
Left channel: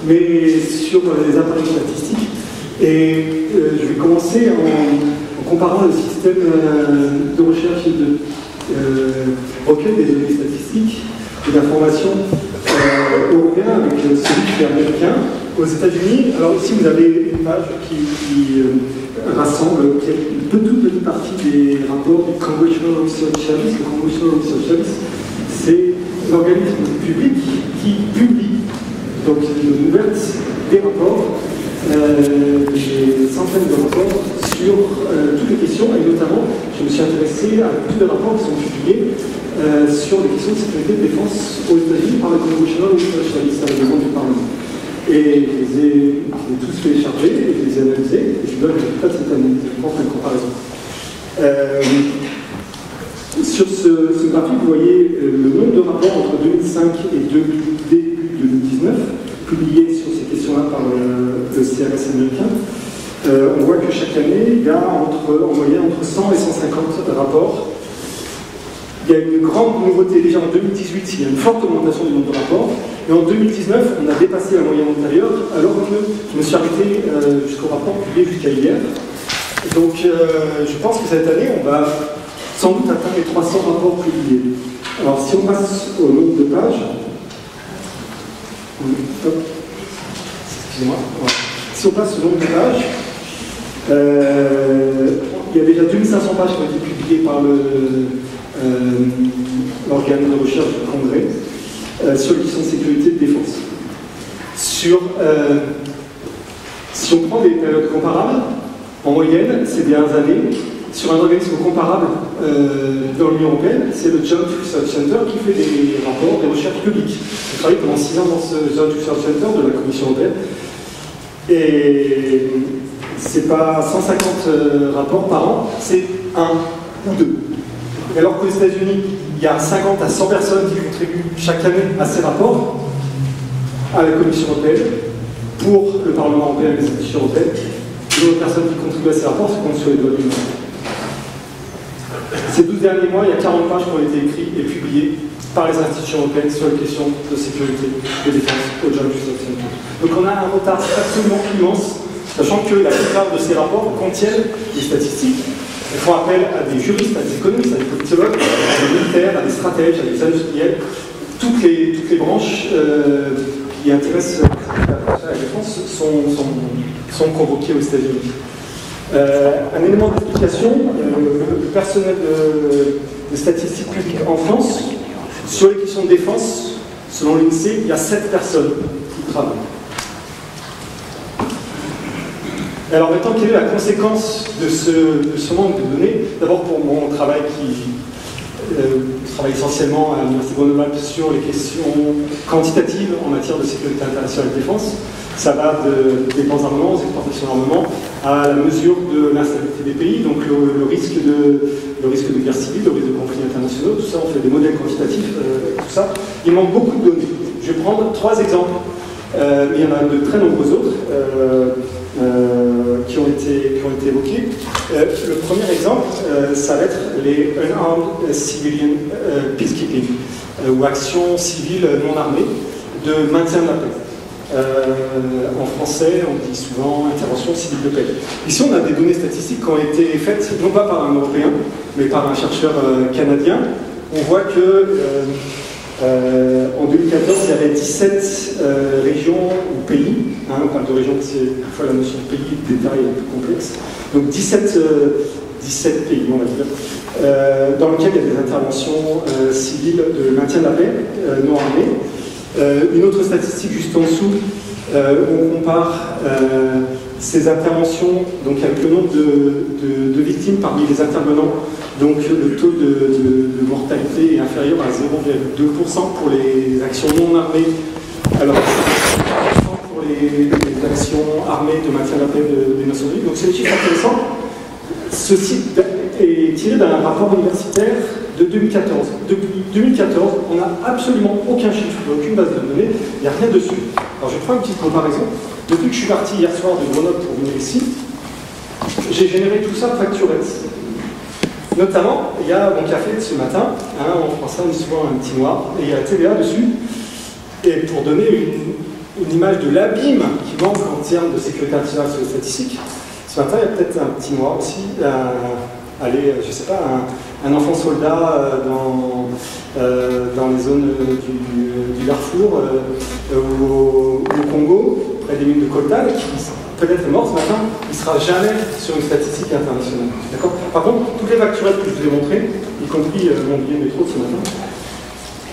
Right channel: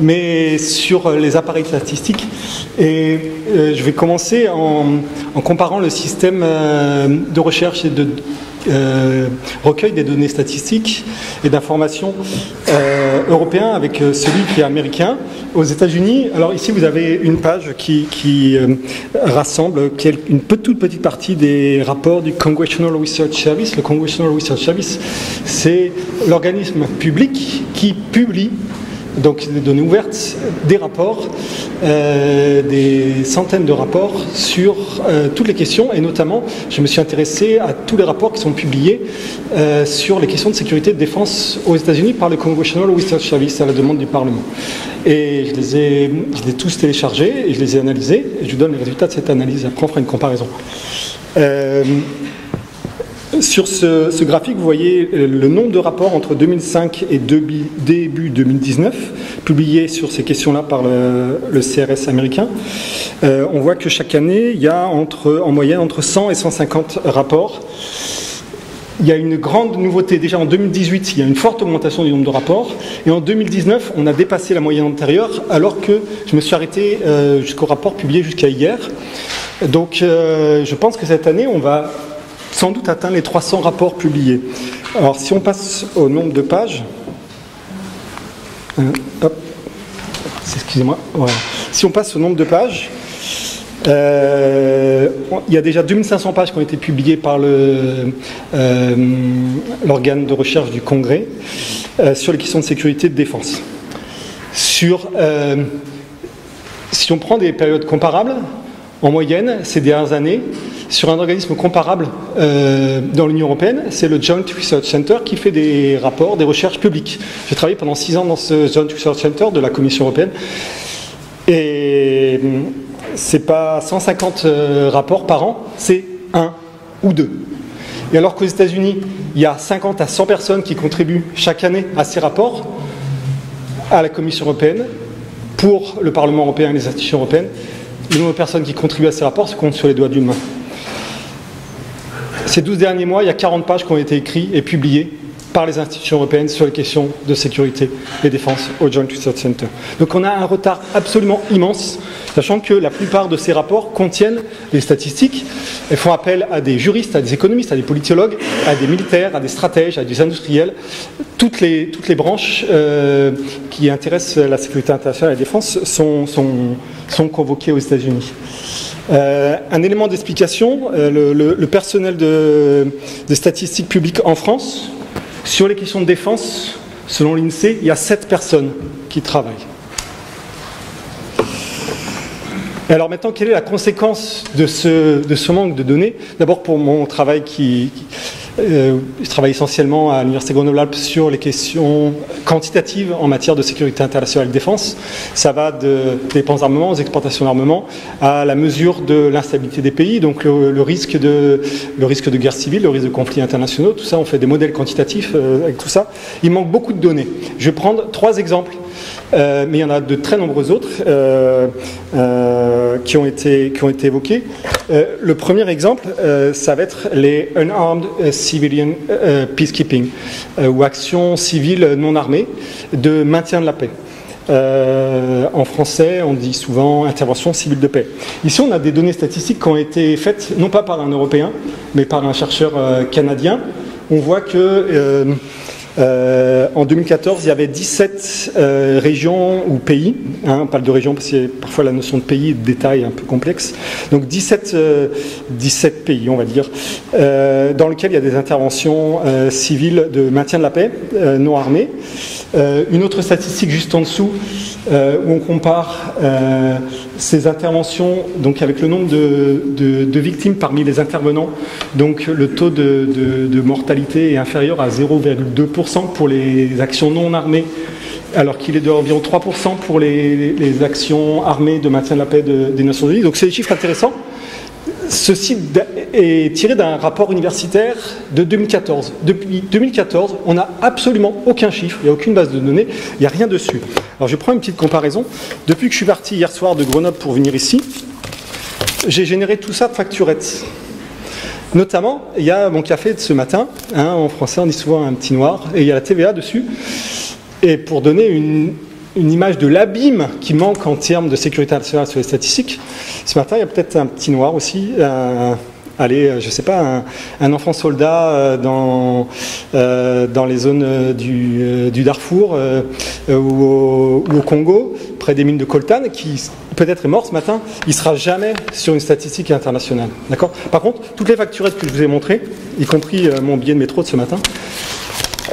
mais sur les appareils statistiques. Et je vais commencer en comparant le système de recherche et de recueil des données statistiques et d'informations européen avec celui qui est américain. Aux États-Unis, alors ici vous avez une page qui rassemble une toute petite partie des rapports du Congressional Research Service. Le Congressional Research Service, c'est l'organisme public qui publie donc des données ouvertes, des rapports, des centaines de rapports sur toutes les questions, et notamment je me suis intéressé à tous les rapports qui sont publiés sur les questions de sécurité et de défense aux États-Unis par le Congressional Research Service à la demande du Parlement. Et je les ai tous téléchargés et je les ai analysés, et je vous donne le résultat de cette analyse. Après on fera une comparaison. Sur ce graphique, vous voyez le nombre de rapports entre 2005 et début 2019, publiés sur ces questions-là par le CRS américain. On voit que chaque année, il y a en moyenne entre 100 et 150 rapports. Il y a une grande nouveauté. Déjà en 2018, il y a une forte augmentation du nombre de rapports. Et en 2019, on a dépassé la moyenne antérieure, alors que je me suis arrêté jusqu'au rapport publié jusqu'à hier. Donc je pense que cette année, on va sans doute atteindre les 300 rapports publiés. Alors si on passe au nombre de pages, excusez-moi, voilà. Si on passe au nombre de pages, il y a déjà 2500 pages qui ont été publiées par l'organe de recherche du Congrès sur les questions de sécurité et de défense. Si on prend des périodes comparables, en moyenne, ces dernières années, sur un organisme comparable dans l'Union européenne, c'est le Joint Research Center qui fait des rapports, des recherches publiques. J'ai travaillé pendant 6 ans dans ce Joint Research Center de la Commission européenne. Et c'est pas 150 rapports par an, c'est 1 ou 2. Et alors qu'aux États-Unis, il y a 50 à 100 personnes qui contribuent chaque année à ces rapports, à la Commission européenne, pour le Parlement européen et les institutions européennes, le nombre de personnes qui contribuent à ces rapports se compte sur les doigts d'une main. Ces 12 derniers mois, il y a 40 pages qui ont été écrites et publiées par les institutions européennes sur les questions de sécurité et défense au Joint Research Center. Donc on a un retard absolument immense, sachant que la plupart de ces rapports contiennent des statistiques. Elles font appel à des juristes, à des économistes, à des politologues, à des militaires, à des stratèges, à des industriels. Toutes les branches qui intéressent la sécurité internationale et la défense sont convoquées aux États-Unis. Un élément d'explication, le personnel de statistiques publiques en France, sur les questions de défense, selon l'INSEE, il y a 7 personnes qui travaillent. Et alors maintenant, quelle est la conséquence de ce manque de données? D'abord pour mon travail je travaille essentiellement à l'Université Grenoble-Alpes sur les questions quantitatives en matière de sécurité internationale et de défense. Ça va des dépenses d'armement aux exportations d'armement à la mesure de l'instabilité des pays, donc le risque de guerre civile, le risque de conflits internationaux, tout ça, on fait des modèles quantitatifs avec tout ça. Il manque beaucoup de données. Je vais prendre 3 exemples. Mais il y en a de très nombreux autres qui ont été évoqués. Le premier exemple, ça va être les Unarmed Civilian Peacekeeping, ou actions civiles non armées de maintien de la paix. En français, on dit souvent intervention civile de paix. Ici, on a des données statistiques qui ont été faites, non pas par un Européen, mais par un chercheur canadien. On voit que en 2014, il y avait 17 régions ou pays, on parle de régions parce que parfois la notion de pays et de détail est un peu complexe, donc 17 pays, on va dire, dans lesquels il y a des interventions civiles de maintien de la paix, non armées. Une autre statistique juste en dessous, où on compare ces interventions donc avec le nombre de victimes parmi les intervenants. Donc le taux de mortalité est inférieur à 0,2% pour les actions non armées, alors qu'il est de 3% pour les actions armées de maintien de la paix des Nations Unies. Donc c'est des chiffres intéressants. Ceci est tiré d'un rapport universitaire de 2014. Depuis 2014, on n'a absolument aucun chiffre, il n'y a aucune base de données, il n'y a rien dessus. Alors je prends une petite comparaison. Depuis que je suis parti hier soir de Grenoble pour venir ici, j'ai généré tout ça de facturettes. Notamment, il y a mon café de ce matin, en français on dit souvent un petit noir, et il y a la TVA dessus. Et pour donner une image de l'abîme qui manque en termes de sécurité nationale sur les statistiques, ce matin il y a peut-être un petit noir aussi, je sais pas, un enfant soldat dans les zones du Darfour ou au Congo, près des mines de coltan, qui peut-être est mort ce matin, il ne sera jamais sur une statistique internationale. D'accord ? Par contre, toutes les facturettes que je vous ai montrées, y compris mon billet de métro de ce matin,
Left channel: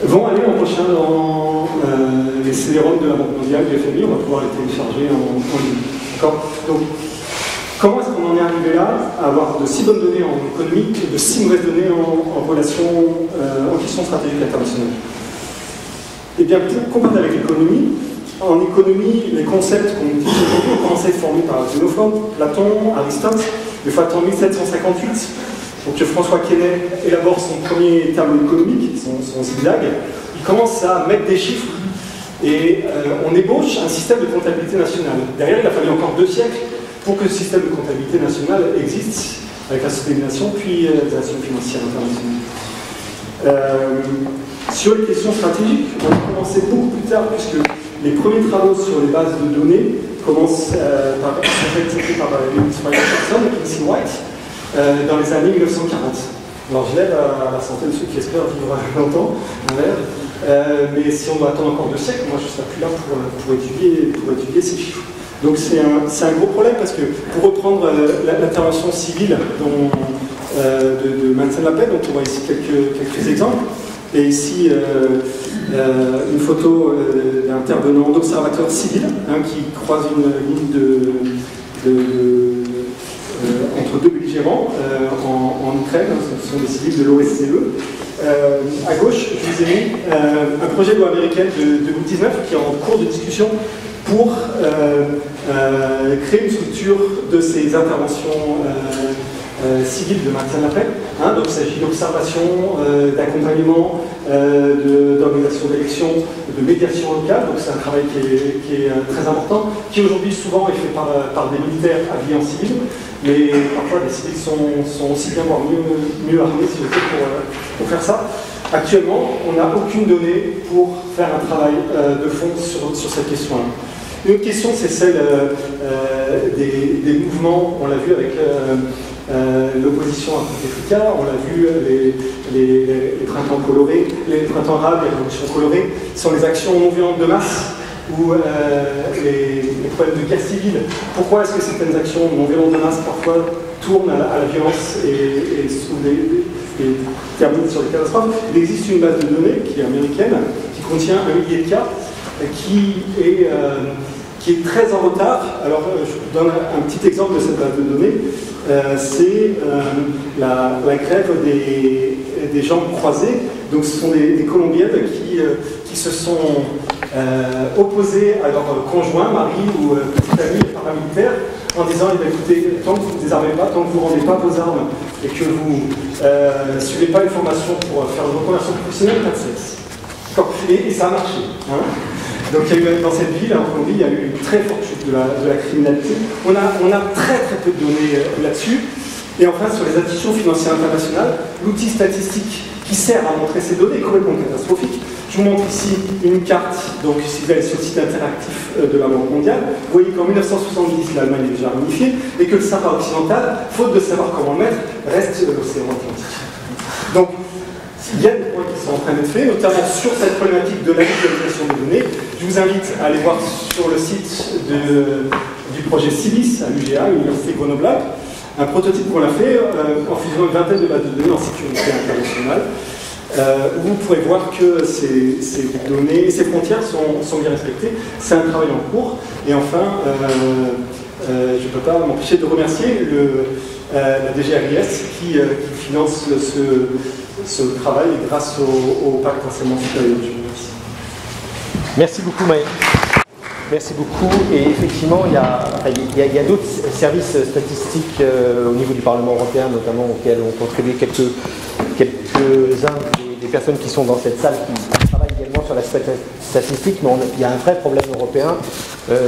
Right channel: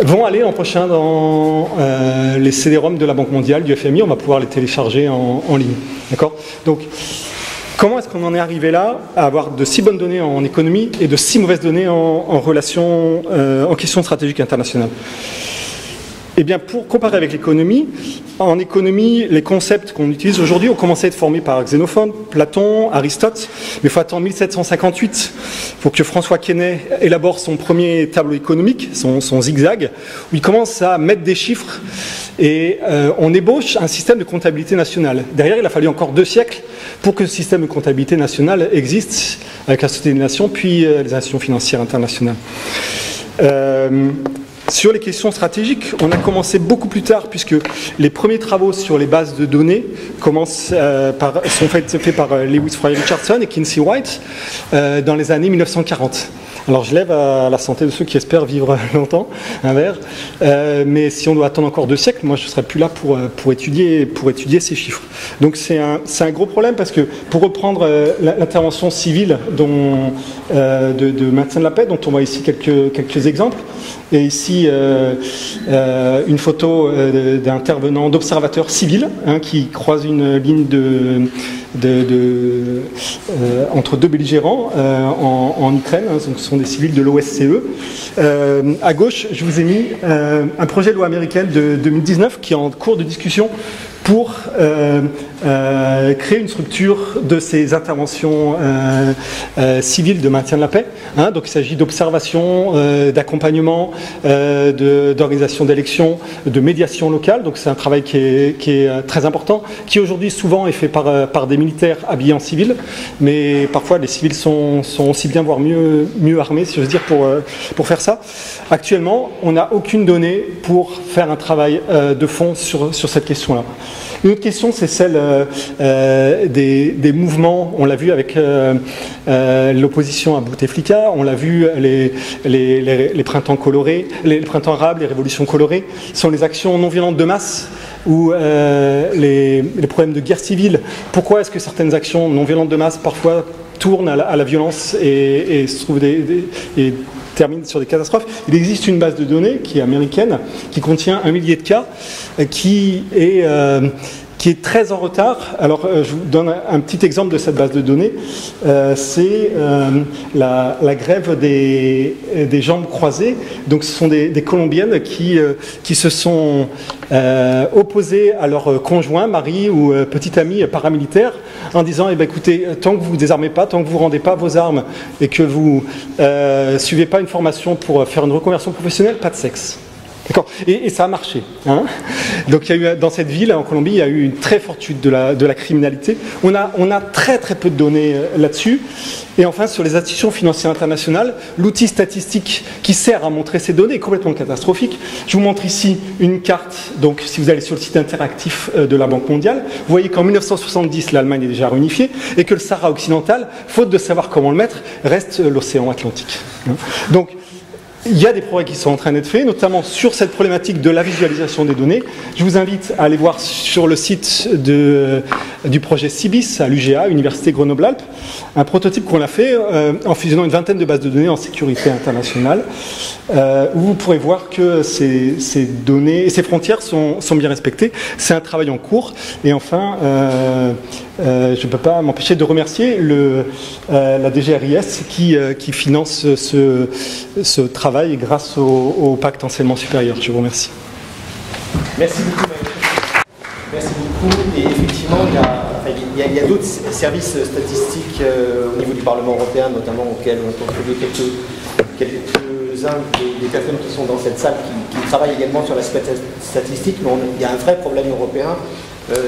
vont aller l'an prochain dans les CD-ROM de la Banque mondiale, du FMI. On va pouvoir les télécharger en ligne. D'accord ? Donc, comment est-ce qu'on en est arrivé là, à avoir de si bonnes données en économie et de si mauvaises données en relation, en question stratégique internationale? Eh bien, pour comparer avec l'économie, en économie, les concepts qu'on utilise aujourd'hui ont commencé à être formés par Xénophon, Platon, Aristote, mais il faut attendre 1758 pour que François Quesnay élabore son premier tableau économique, son zigzag, où il commence à mettre des chiffres et on ébauche un système de comptabilité nationale. Derrière, il a fallu encore 2 siècles pour que ce système de comptabilité nationale existe avec la Société des Nations, puis les Nations financières internationales. Sur les questions stratégiques, on a commencé beaucoup plus tard, puisque les premiers travaux sur les bases de données sont faits par Lewis Fry Richardson et Kinsey White dans les années 1940. Alors je lève à la santé de ceux qui espèrent vivre longtemps, un verre, mais si on doit attendre encore 2 siècles, moi je ne serai plus là pour étudier ces chiffres. Donc c'est un gros problème, parce que pour reprendre l'intervention civile de maintien de la paix, dont on voit ici quelques exemples, et ici une photo d'intervenant, d'observateur civil, qui croise une ligne entre 2 belligérants en Ukraine. Ce sont des civils de l'OSCE. À gauche, je vous ai mis un projet de loi américaine de 2019 qui est en cours de discussion pour créer une structure de ces interventions civiles de maintien de la paix. Donc il s'agit d'observation, d'accompagnement, d'organisation d'élections, de médiation locale. Donc c'est un travail qui est très important, qui aujourd'hui souvent est fait par des militaires habillés en civil, mais parfois les civils sont aussi bien, voire mieux armés, si j'ose dire, pour faire ça. Actuellement, on n'a aucune donnée pour faire un travail de fond sur cette question-là. Une autre question, c'est celle des mouvements. On l'a vu avec l'opposition à Bouteflika, on l'a vu les printemps colorés, les printemps arabes, les révolutions colorées, sont les actions non violentes de masse ou les problèmes de guerre civile. Pourquoi est-ce que certaines actions non violentes de masse parfois tournent à la violence et se trouvent et terminent sur des catastrophes? Il existe une base de données qui est américaine, qui contient 1 millier de cas, qui est très en retard. Alors, je vous donne un petit exemple de cette base de données. C'est la grève des jambes croisées. Donc, ce sont des Colombiennes qui se sont opposées à leur conjoint, mari ou petit ami paramilitaire, en disant, écoutez, tant que vous ne vous désarmez pas, tant que vous ne rendez pas vos armes et que vous ne suivez pas une formation pour faire une reconversion professionnelle, pas de sexe. Et ça a marché. Donc il y a eu, dans cette ville, en Colombie, il y a eu une très forte chute de la criminalité. On a très très peu de données là-dessus. Et enfin, sur les institutions financières internationales, l'outil statistique qui sert à montrer ces données est complètement catastrophique. Je vous montre ici une carte, donc si vous allez sur le site interactif de la Banque mondiale, vous voyez qu'en 1970, l'Allemagne est déjà réunifiée, et que le Sahara occidental, faute de savoir comment le mettre, reste l'océan Atlantique. Donc, il y a des progrès qui sont en train d'être faits, notamment sur cette problématique de la visualisation des données. Je vous invite à aller voir sur le site du projet CIBIS à l'UGA, Université Grenoble-Alpes, un prototype qu'on a fait en fusionnant une vingtaine de bases de données en sécurité internationale, où vous pourrez voir que ces données et ces frontières sont bien respectées. C'est un travail en cours. Et enfin, je ne peux pas m'empêcher de remercier la DGRIS qui finance ce travail grâce au pacte enseignement supérieur. Je vous remercie. Merci beaucoup, Maël. Merci beaucoup. Et effectivement, il y a d'autres services statistiques au niveau du Parlement européen, notamment auxquels ont contribué quelques-uns des personnes qui sont dans cette salle qui travaillent également sur l'aspect statistique, mais il y a un vrai problème européen.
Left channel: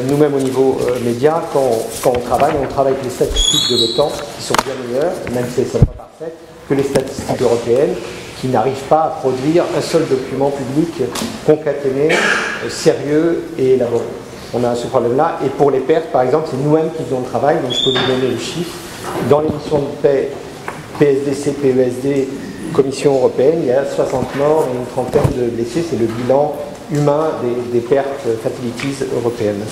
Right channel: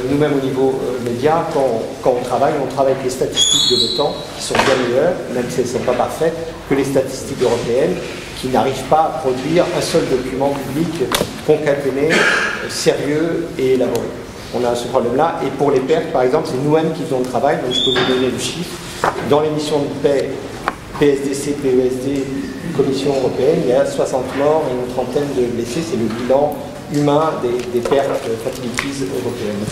Nous-mêmes au niveau média, quand on travaille avec les statistiques de l'OTAN, qui sont bien meilleures, même si elles ne sont pas parfaites, que les statistiques européennes, qui n'arrivent pas à produire un seul document public concaténé, sérieux et élaboré. On a ce problème-là, et pour les pertes, par exemple, c'est nous-mêmes qui faisons le travail, donc je peux vous donner le chiffre. Dans les missions de paix, PSDC, PESD, Commission européenne, il y a 60 morts et une trentaine de blessés, c'est le bilan humain des pertes fatalities européennes.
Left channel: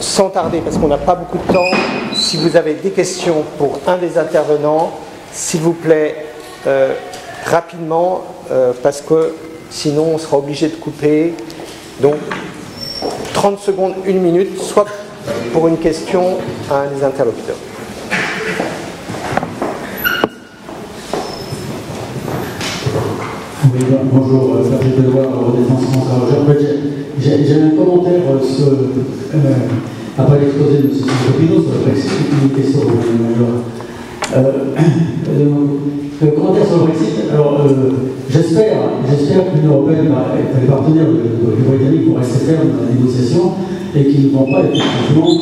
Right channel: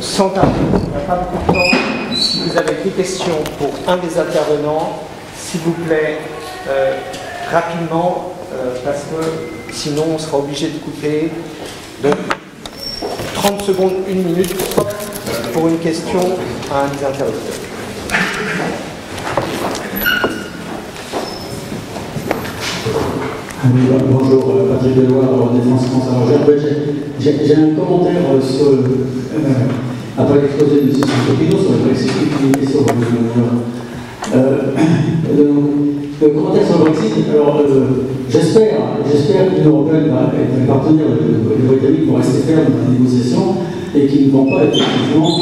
Sans tarder, parce qu'on n'a pas beaucoup de temps, si vous avez des questions pour un des intervenants, s'il vous plaît, rapidement, parce que sinon on sera obligé de couper. Donc 30 secondes, 1 minute, soit pour une question à un des interlocuteurs. Oui, bonjour, Patrick Deloire, Défense France. Alors, j'ai un commentaire sur après l'exposé de M. Santopino sur le Brexit, une question de le commentaire sur le Brexit. Alors, j'espère que l'Union européenne et les partenaires du Britannique vont rester fermes dans la négociation et qu'ils ne vont pas effectivement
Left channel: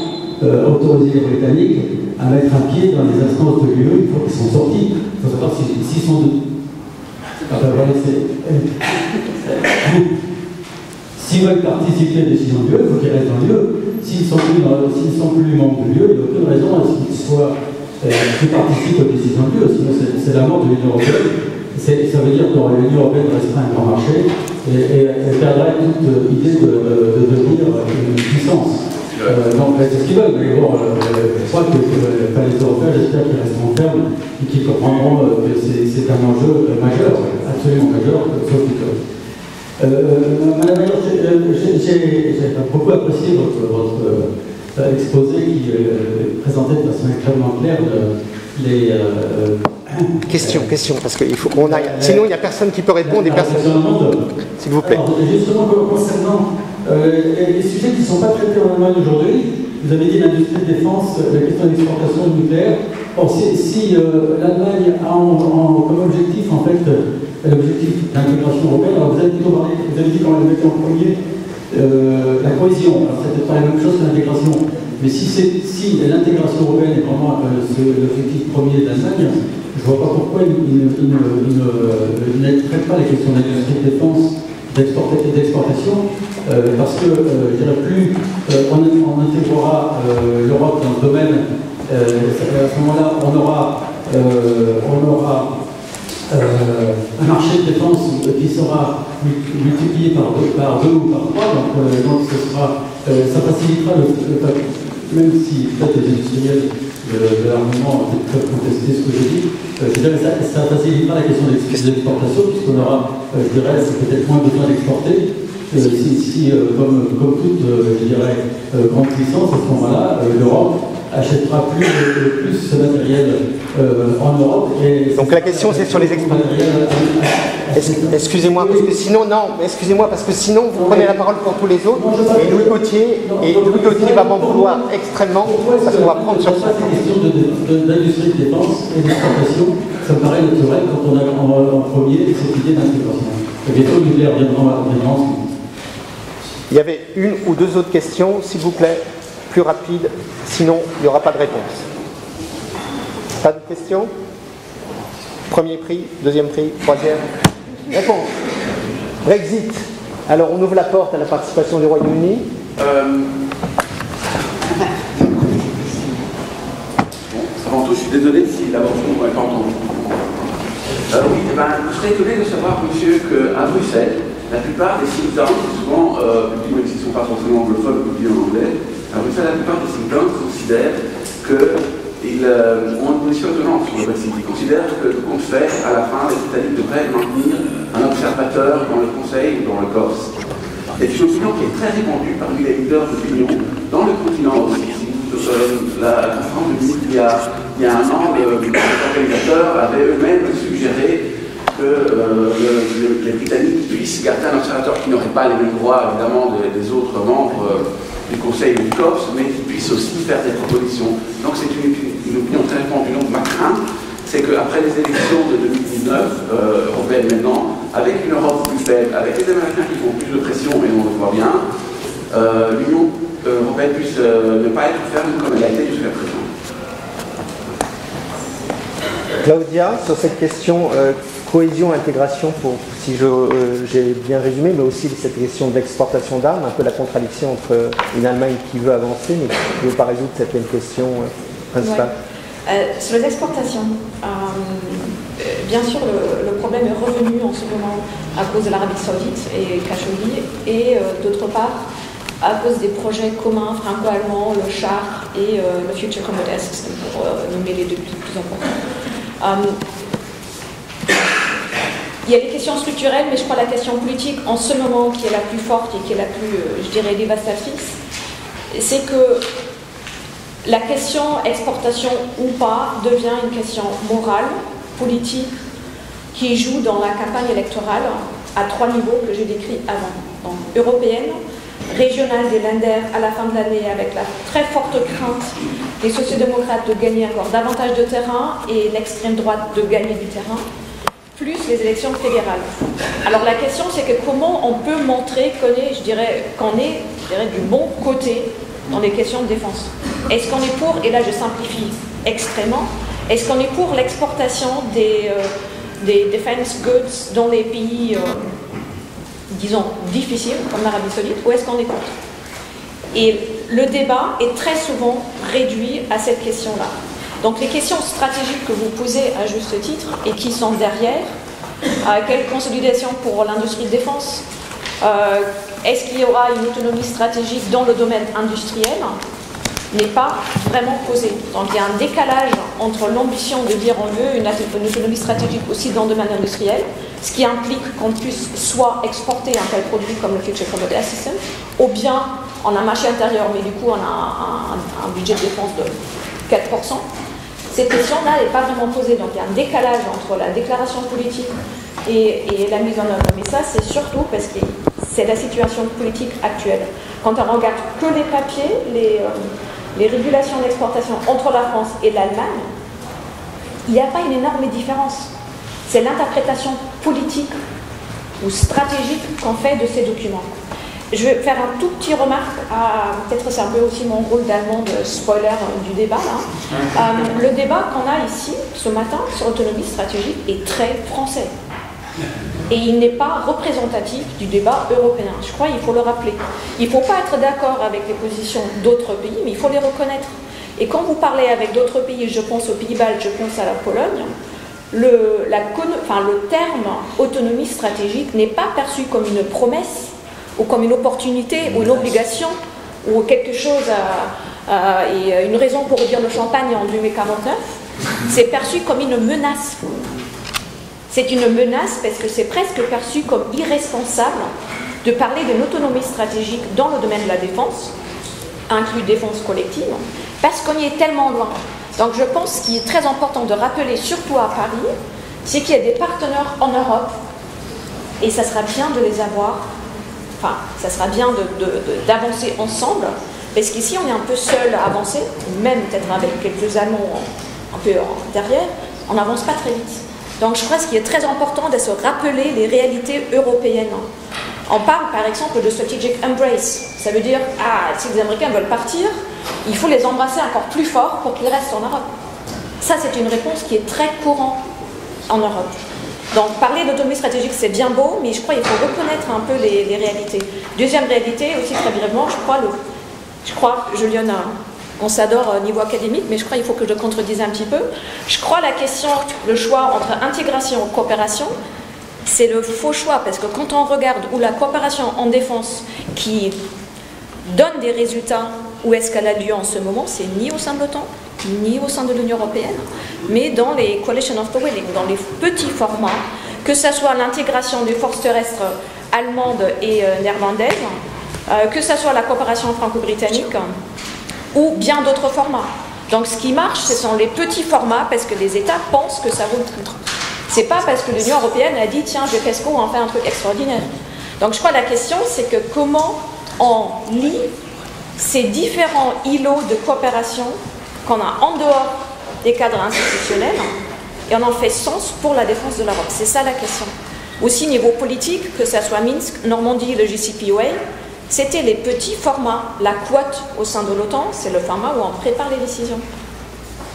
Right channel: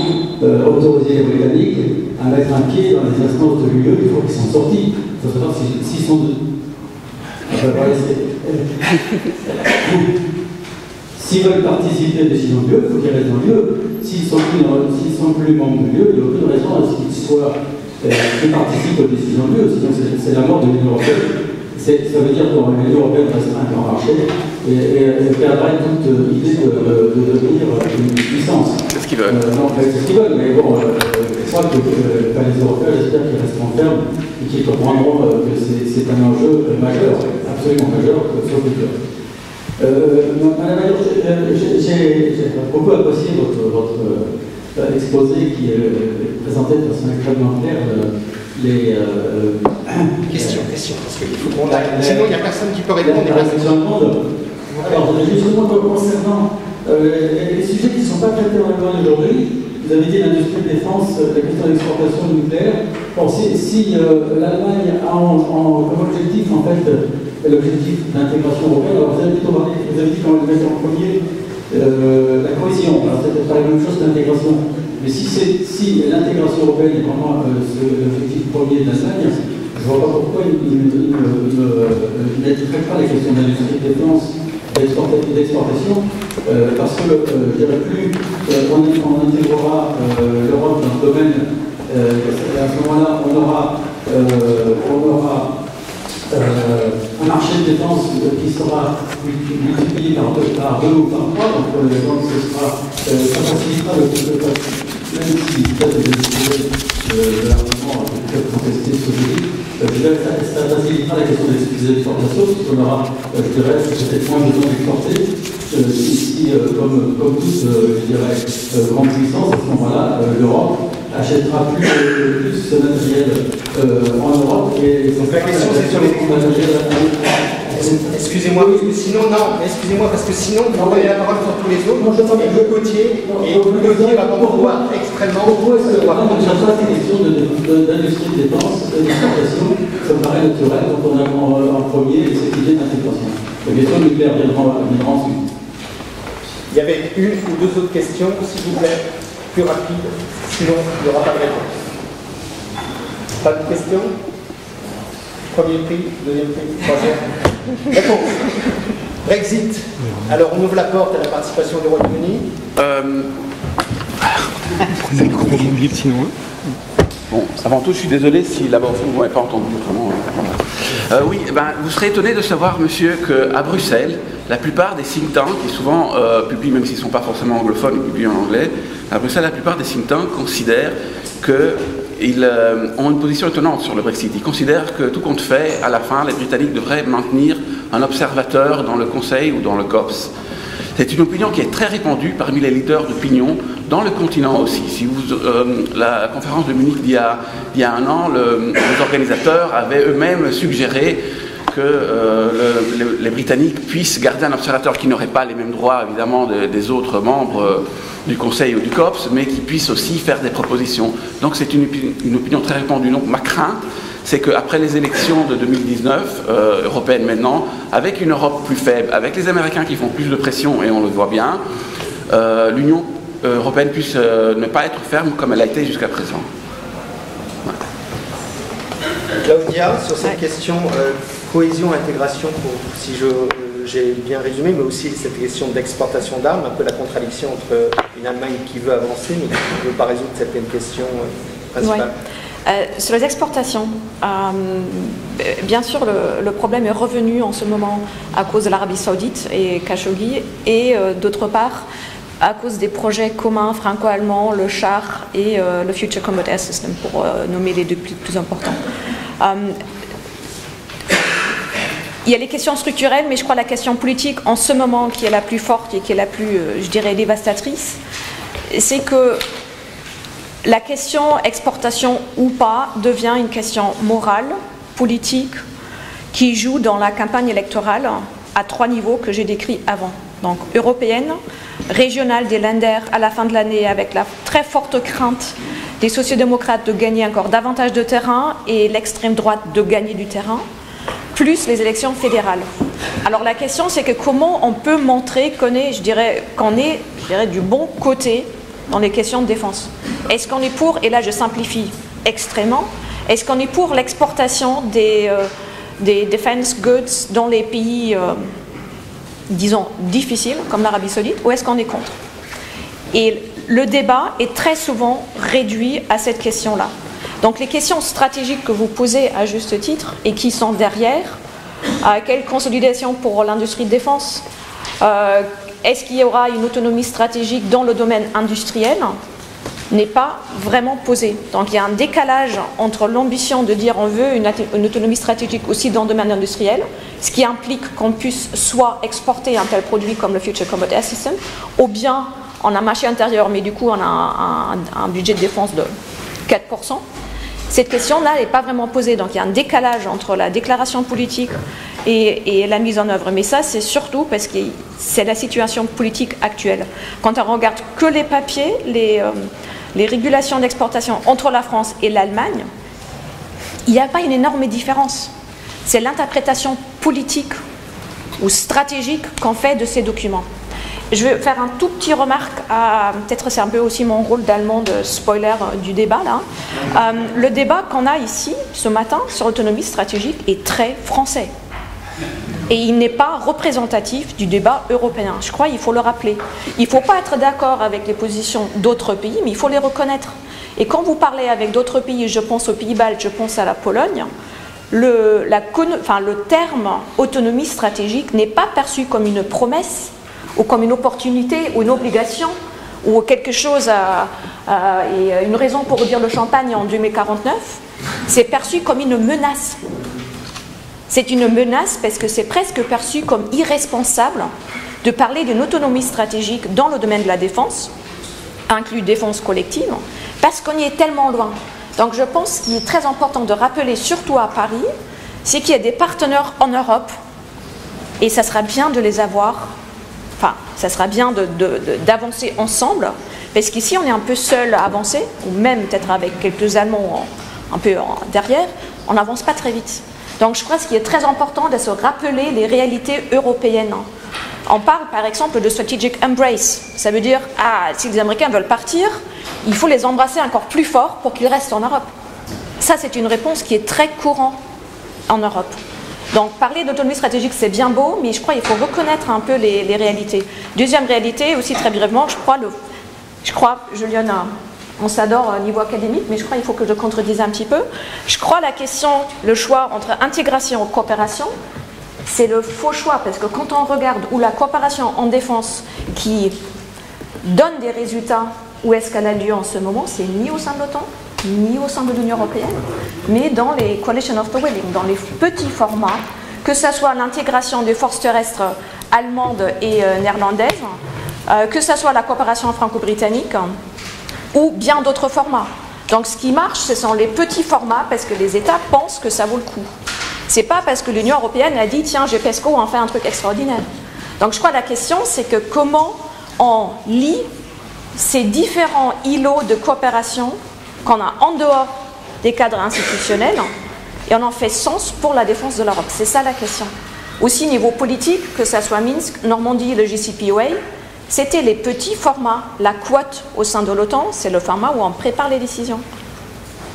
autoriser les Britanniques à mettre un pied dans les instances de l'UE une fois qu'ils sont sortis. Il faut savoir s'ils sont s'ils veulent participer à la décision de l'UE, il faut qu'ils restent dans l'UE. S'ils ne sont plus membres de l'UE, il n'y a aucune raison à ce qu'ils participent aux décisions de l'UE. Sinon, c'est la mort de l'Union européenne. Ça veut dire que l'Union européenne restera un grand marché et perdrait toute idée de devenir une puissance. C'est ce qu'ils veulent. C'est ce qu'ils veulent, mais bon, je crois que les Européens, j'espère qu'ils resteront fermes et qu'ils comprendront que c'est un enjeu majeur, absolument majeur, sauf qu'ils veulent. Madame la Ministre, j'ai beaucoup apprécié votre exposé qui présentait de façon extrêmement claire les... Question, parce qu'il faut qu'on aille. Sinon, il n'y a personne qui peut répondre. S'il vous plaît. Alors, justement, concernant les sujets qui ne sont pas traités dans l'Allemagne aujourd'hui, vous avez dit l'industrie de défense, la question d'exportation nucléaire. Or, si l'Allemagne a comme objectif, en fait, l'objectif d'intégration européenne, alors vous avez dit qu'on le mettait en premier la cohésion. Alors, c'est peut-être pas la même chose que l'intégration. Mais si l'intégration européenne est vraiment l'objectif premier de l'Allemagne, je ne vois pas pourquoi il ne traite pas la question de l'industrie de défense, d'exportation, parce que, je dirais, plus on intégrera l'Europe dans ce domaine, à ce moment-là, on aura un marché de défense qui sera multiplié par 2 ou par 3, donc ça facilitera même si peut-être les industriels de l'armement peuvent contester ce que je dis, ça facilitera la question de l'exportation, puisqu'on aura, je dirais, peut-être moins besoin d'exporter. Si comme toute, je dirais, grande puissance, à ce moment-là, l'Europe achètera plus ce matériel en Europe. Donc la question c'est sur les exportations. Excusez-moi, parce que sinon, vous prenez la parole pour tous les autres, et Louis Gauthier va m'en vouloir extrêmement, parce qu'on va prendre sur ça. La question d'industrie de défense et d'exportation, ça me paraît naturel quand on est en premier, c'est l'idée d'intégration. La question nucléaire viendra ensuite. Il y avait une ou deux autres questions, s'il vous plaît, plus rapide, sinon il n'y aura pas de réponse. Pas de questions? Premier prix, deuxième prix, troisième. Réponse. Brexit. Alors on ouvre la porte à la participation du Royaume-Uni. Bon, avant tout, je suis désolé si là-bas au fond, vous n'avez pas entendu. Oui, vous serez étonné de savoir, monsieur, qu'à Bruxelles, la plupart des think tanks, qui souvent publient, même s'ils ne sont pas forcément anglophones, publient en anglais, à Bruxelles, la plupart des think tanks considèrent qu'ils ont une position étonnante sur le Brexit. Ils considèrent que tout compte fait, à la fin, les Britanniques devraient maintenir un observateur dans le Conseil ou dans le COPS. C'est une opinion qui est très répandue parmi les leaders d'opinion dans le continent aussi. Si la conférence de Munich il y a un an, les organisateurs avaient eux-mêmes suggéré que les Britanniques puissent garder un observateur qui n'aurait pas les mêmes droits, évidemment, des autres membres du Conseil ou du COPS, mais qui puisse aussi faire des propositions. Donc c'est une opinion très répandue. Donc ma crainte, c'est qu'après les élections de 2019, européennes maintenant, avec une Europe plus faible, avec les Américains qui font plus de pression, et on le voit bien, l'Union européenne puisse ne pas être ferme comme elle a été jusqu'à présent. Claudia, sur cette question cohésion, intégration, si j'ai bien résumé, mais aussi cette question d'exportation d'armes, un peu la contradiction entre une Allemagne qui veut avancer, mais qui ne veut pas résoudre cette question principale. Ouais. Sur les exportations, bien sûr, le problème est revenu en ce moment à cause de l'Arabie Saoudite et Khashoggi, et d'autre part, à cause des projets communs franco-allemands, le char et le Future Combat Air System, pour nommer les deux plus importants. il y a les questions structurelles, mais je crois la question politique en ce moment qui est la plus forte et qui est la plus, je dirais, dévastatrice, c'est que la question exportation ou pas devient une question morale, politique, qui joue dans la campagne électorale à 3 niveaux que j'ai décrits avant. Donc européenne, régionale des Länder à la fin de l'année avec la très forte crainte des sociodémocrates de gagner encore davantage de terrain et l'extrême droite de gagner du terrain, plus les élections fédérales. Alors la question c'est que comment on peut montrer qu'on est, je dirais, du bon côté dans les questions de défense. Est-ce qu'on est pour, et là je simplifie extrêmement, est-ce qu'on est pour l'exportation des defense goods dans les pays, disons, difficiles, comme l'Arabie Saoudite, ou est-ce qu'on est contre? Et le débat est très souvent réduit à cette question-là. Donc les questions stratégiques que vous posez à juste titre, et qui sont derrière, quelle consolidation pour l'industrie de défense, est-ce qu'il y aura une autonomie stratégique dans le domaine industriel, n'est pas vraiment posée. Donc il y a un décalage entre l'ambition de dire on veut une autonomie stratégique aussi dans le domaine industriel, ce qui implique qu'on puisse soit exporter un tel produit comme le Future Combat Assistance, ou bien on a un marché intérieur, mais du coup on a un budget de défense de 4%. Cette question-là n'est pas vraiment posée. Donc il y a un décalage entre la déclaration politique et la mise en œuvre. Mais ça, c'est surtout parce que c'est la situation politique actuelle. Quand on regarde que les papiers, les régulations d'exportation entre la France et l'Allemagne, il n'y a pas une énorme différence. C'est l'interprétation politique ou stratégique qu'on fait de ces documents. Je vais faire un tout petit remarque, peut-être c'est un peu aussi mon rôle d'allemand de spoiler du débat là. Le débat qu'on a ici ce matin sur l'autonomie stratégique est très français. Et il n'est pas représentatif du débat européen. Je crois qu'il faut le rappeler. Il ne faut pas être d'accord avec les positions d'autres pays, mais il faut les reconnaître. Et quand vous parlez avec d'autres pays, je pense aux Pays-Baltes, je pense à la Pologne, le terme autonomie stratégique n'est pas perçu comme une promesse, ou comme une opportunité, ou une obligation, ou quelque chose, et une raison pour dire le champagne en 2049, c'est perçu comme une menace. C'est une menace parce que c'est presque perçu comme irresponsable de parler d'une autonomie stratégique dans le domaine de la défense, inclus défense collective, parce qu'on y est tellement loin. Donc je pense qu'il est très important de rappeler, surtout à Paris, c'est qu'il y a des partenaires en Europe, et ça sera bien de les avoir. Enfin, ça sera bien d'avancer ensemble, parce qu'ici on est un peu seul à avancer, même peut-être avec quelques Allemands un peu derrière, on n'avance pas très vite. Donc je crois que ce qui est très important, de se rappeler les réalités européennes. On parle par exemple de strategic embrace, ça veut dire, si les Américains veulent partir, il faut les embrasser encore plus fort pour qu'ils restent en Europe. Ça c'est une réponse qui est très courante en Europe. Donc parler d'autonomie stratégique c'est bien beau, mais je crois qu'il faut reconnaître un peu les réalités. Deuxième réalité, aussi très brièvement, je crois, Juliana, on s'adore au niveau académique, mais je crois qu'il faut que je le contredise un petit peu. Je crois la question, le choix entre intégration et coopération, c'est le faux choix, parce que quand on regarde où la coopération en défense qui donne des résultats, où est-ce qu'elle a lieu en ce moment, c'est ni au sein de l'OTAN, ni au sein de l'Union européenne, mais dans les coalition of the willing, dans les petits formats, que ce soit l'intégration des forces terrestres allemandes et néerlandaises, que ce soit la coopération franco-britannique, ou bien d'autres formats. Donc ce qui marche, ce sont les petits formats, parce que les États pensent que ça vaut le coup. C'est pas parce que l'Union européenne a dit, tiens, GPESCO, on en fait un truc extraordinaire. Donc je crois que la question, c'est que comment on lie ces différents îlots de coopération qu'on a en dehors des cadres institutionnels, et on en fait sens pour la défense de l'Europe. C'est ça la question. Aussi, niveau politique, que ce soit Minsk, Normandie, le JCPOA, c'était les petits formats. La quote au sein de l'OTAN, c'est le format où on prépare les décisions.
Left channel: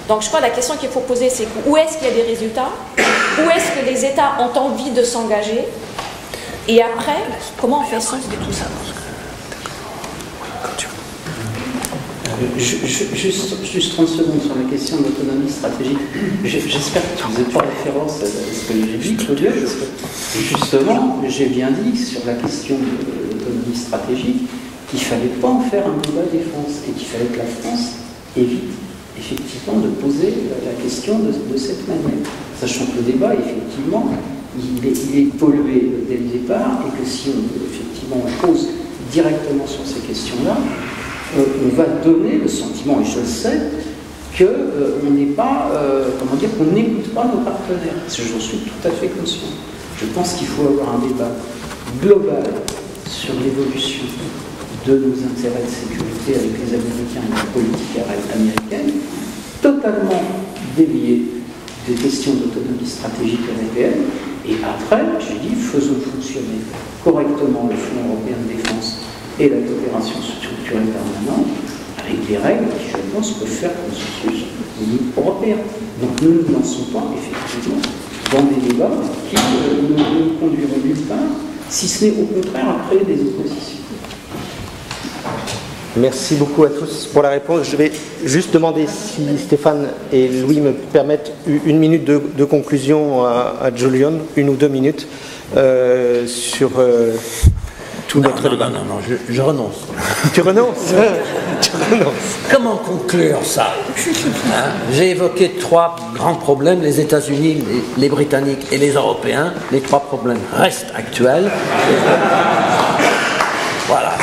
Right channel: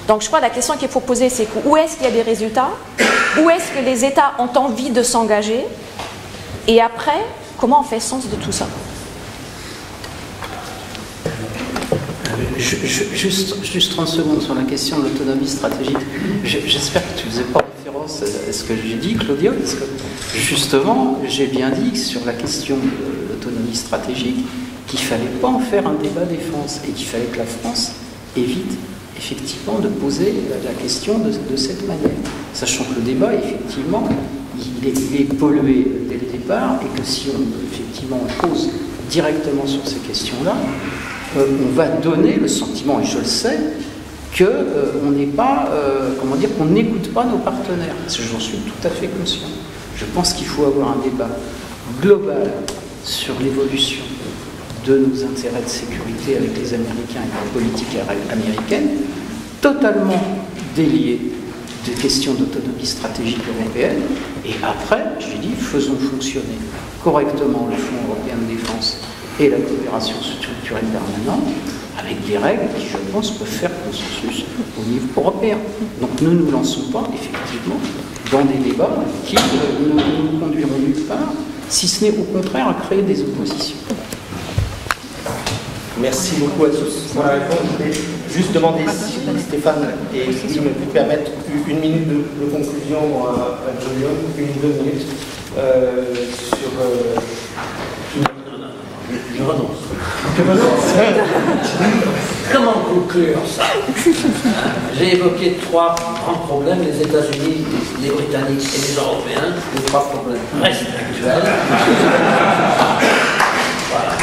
Donc je crois que la question qu'il faut poser, c'est où est-ce qu'il y a des résultats, où est-ce que les États ont envie de s'engager, et après, comment on fait sens de tout ça. Juste 30 secondes sur la question de l'autonomie stratégique. J'espère que tu ne faisais pas référence à ce que j'ai dit, Claudia, parce que justement, j'ai bien dit sur la question de l'autonomie stratégique qu'il ne fallait pas en faire un débat défense et qu'il fallait que la France évite effectivement de poser la question de cette manière. Sachant que le débat, effectivement, il est pollué dès le départ, et que si effectivement on pose directement sur ces questions-là, on va donner le sentiment, et je le sais, qu'on n'est pas, comment dire, qu'on n'écoute pas nos partenaires. Parce que j'en suis tout à fait conscient. Je pense qu'il faut avoir un débat global sur l'évolution de nos intérêts de sécurité avec les Américains et la politique américaine, totalement délié de questions d'autonomie stratégique européenne. Et après, j'ai dit, faisons fonctionner correctement le Fonds européen de défense et la coopération structurée permanente avec des règles qui, je pense, peuvent faire consensus au niveau européen. Donc ne nous lançons pas, effectivement, dans des débats qui ne nous conduiront nulle part, si ce n'est au contraire à créer des oppositions. Merci beaucoup à tous pour la réponse. Je vais juste demander si Stéphane et Louis me permettent une minute de conclusion à Julian, 1 ou 2 minutes, sur tout notre débat. Non, je renonce. Tu renonces? Comment conclure ça? J'ai évoqué 3 grands problèmes, les États-Unis, les Britanniques et les Européens. Les 3 problèmes restent actuels. Voilà.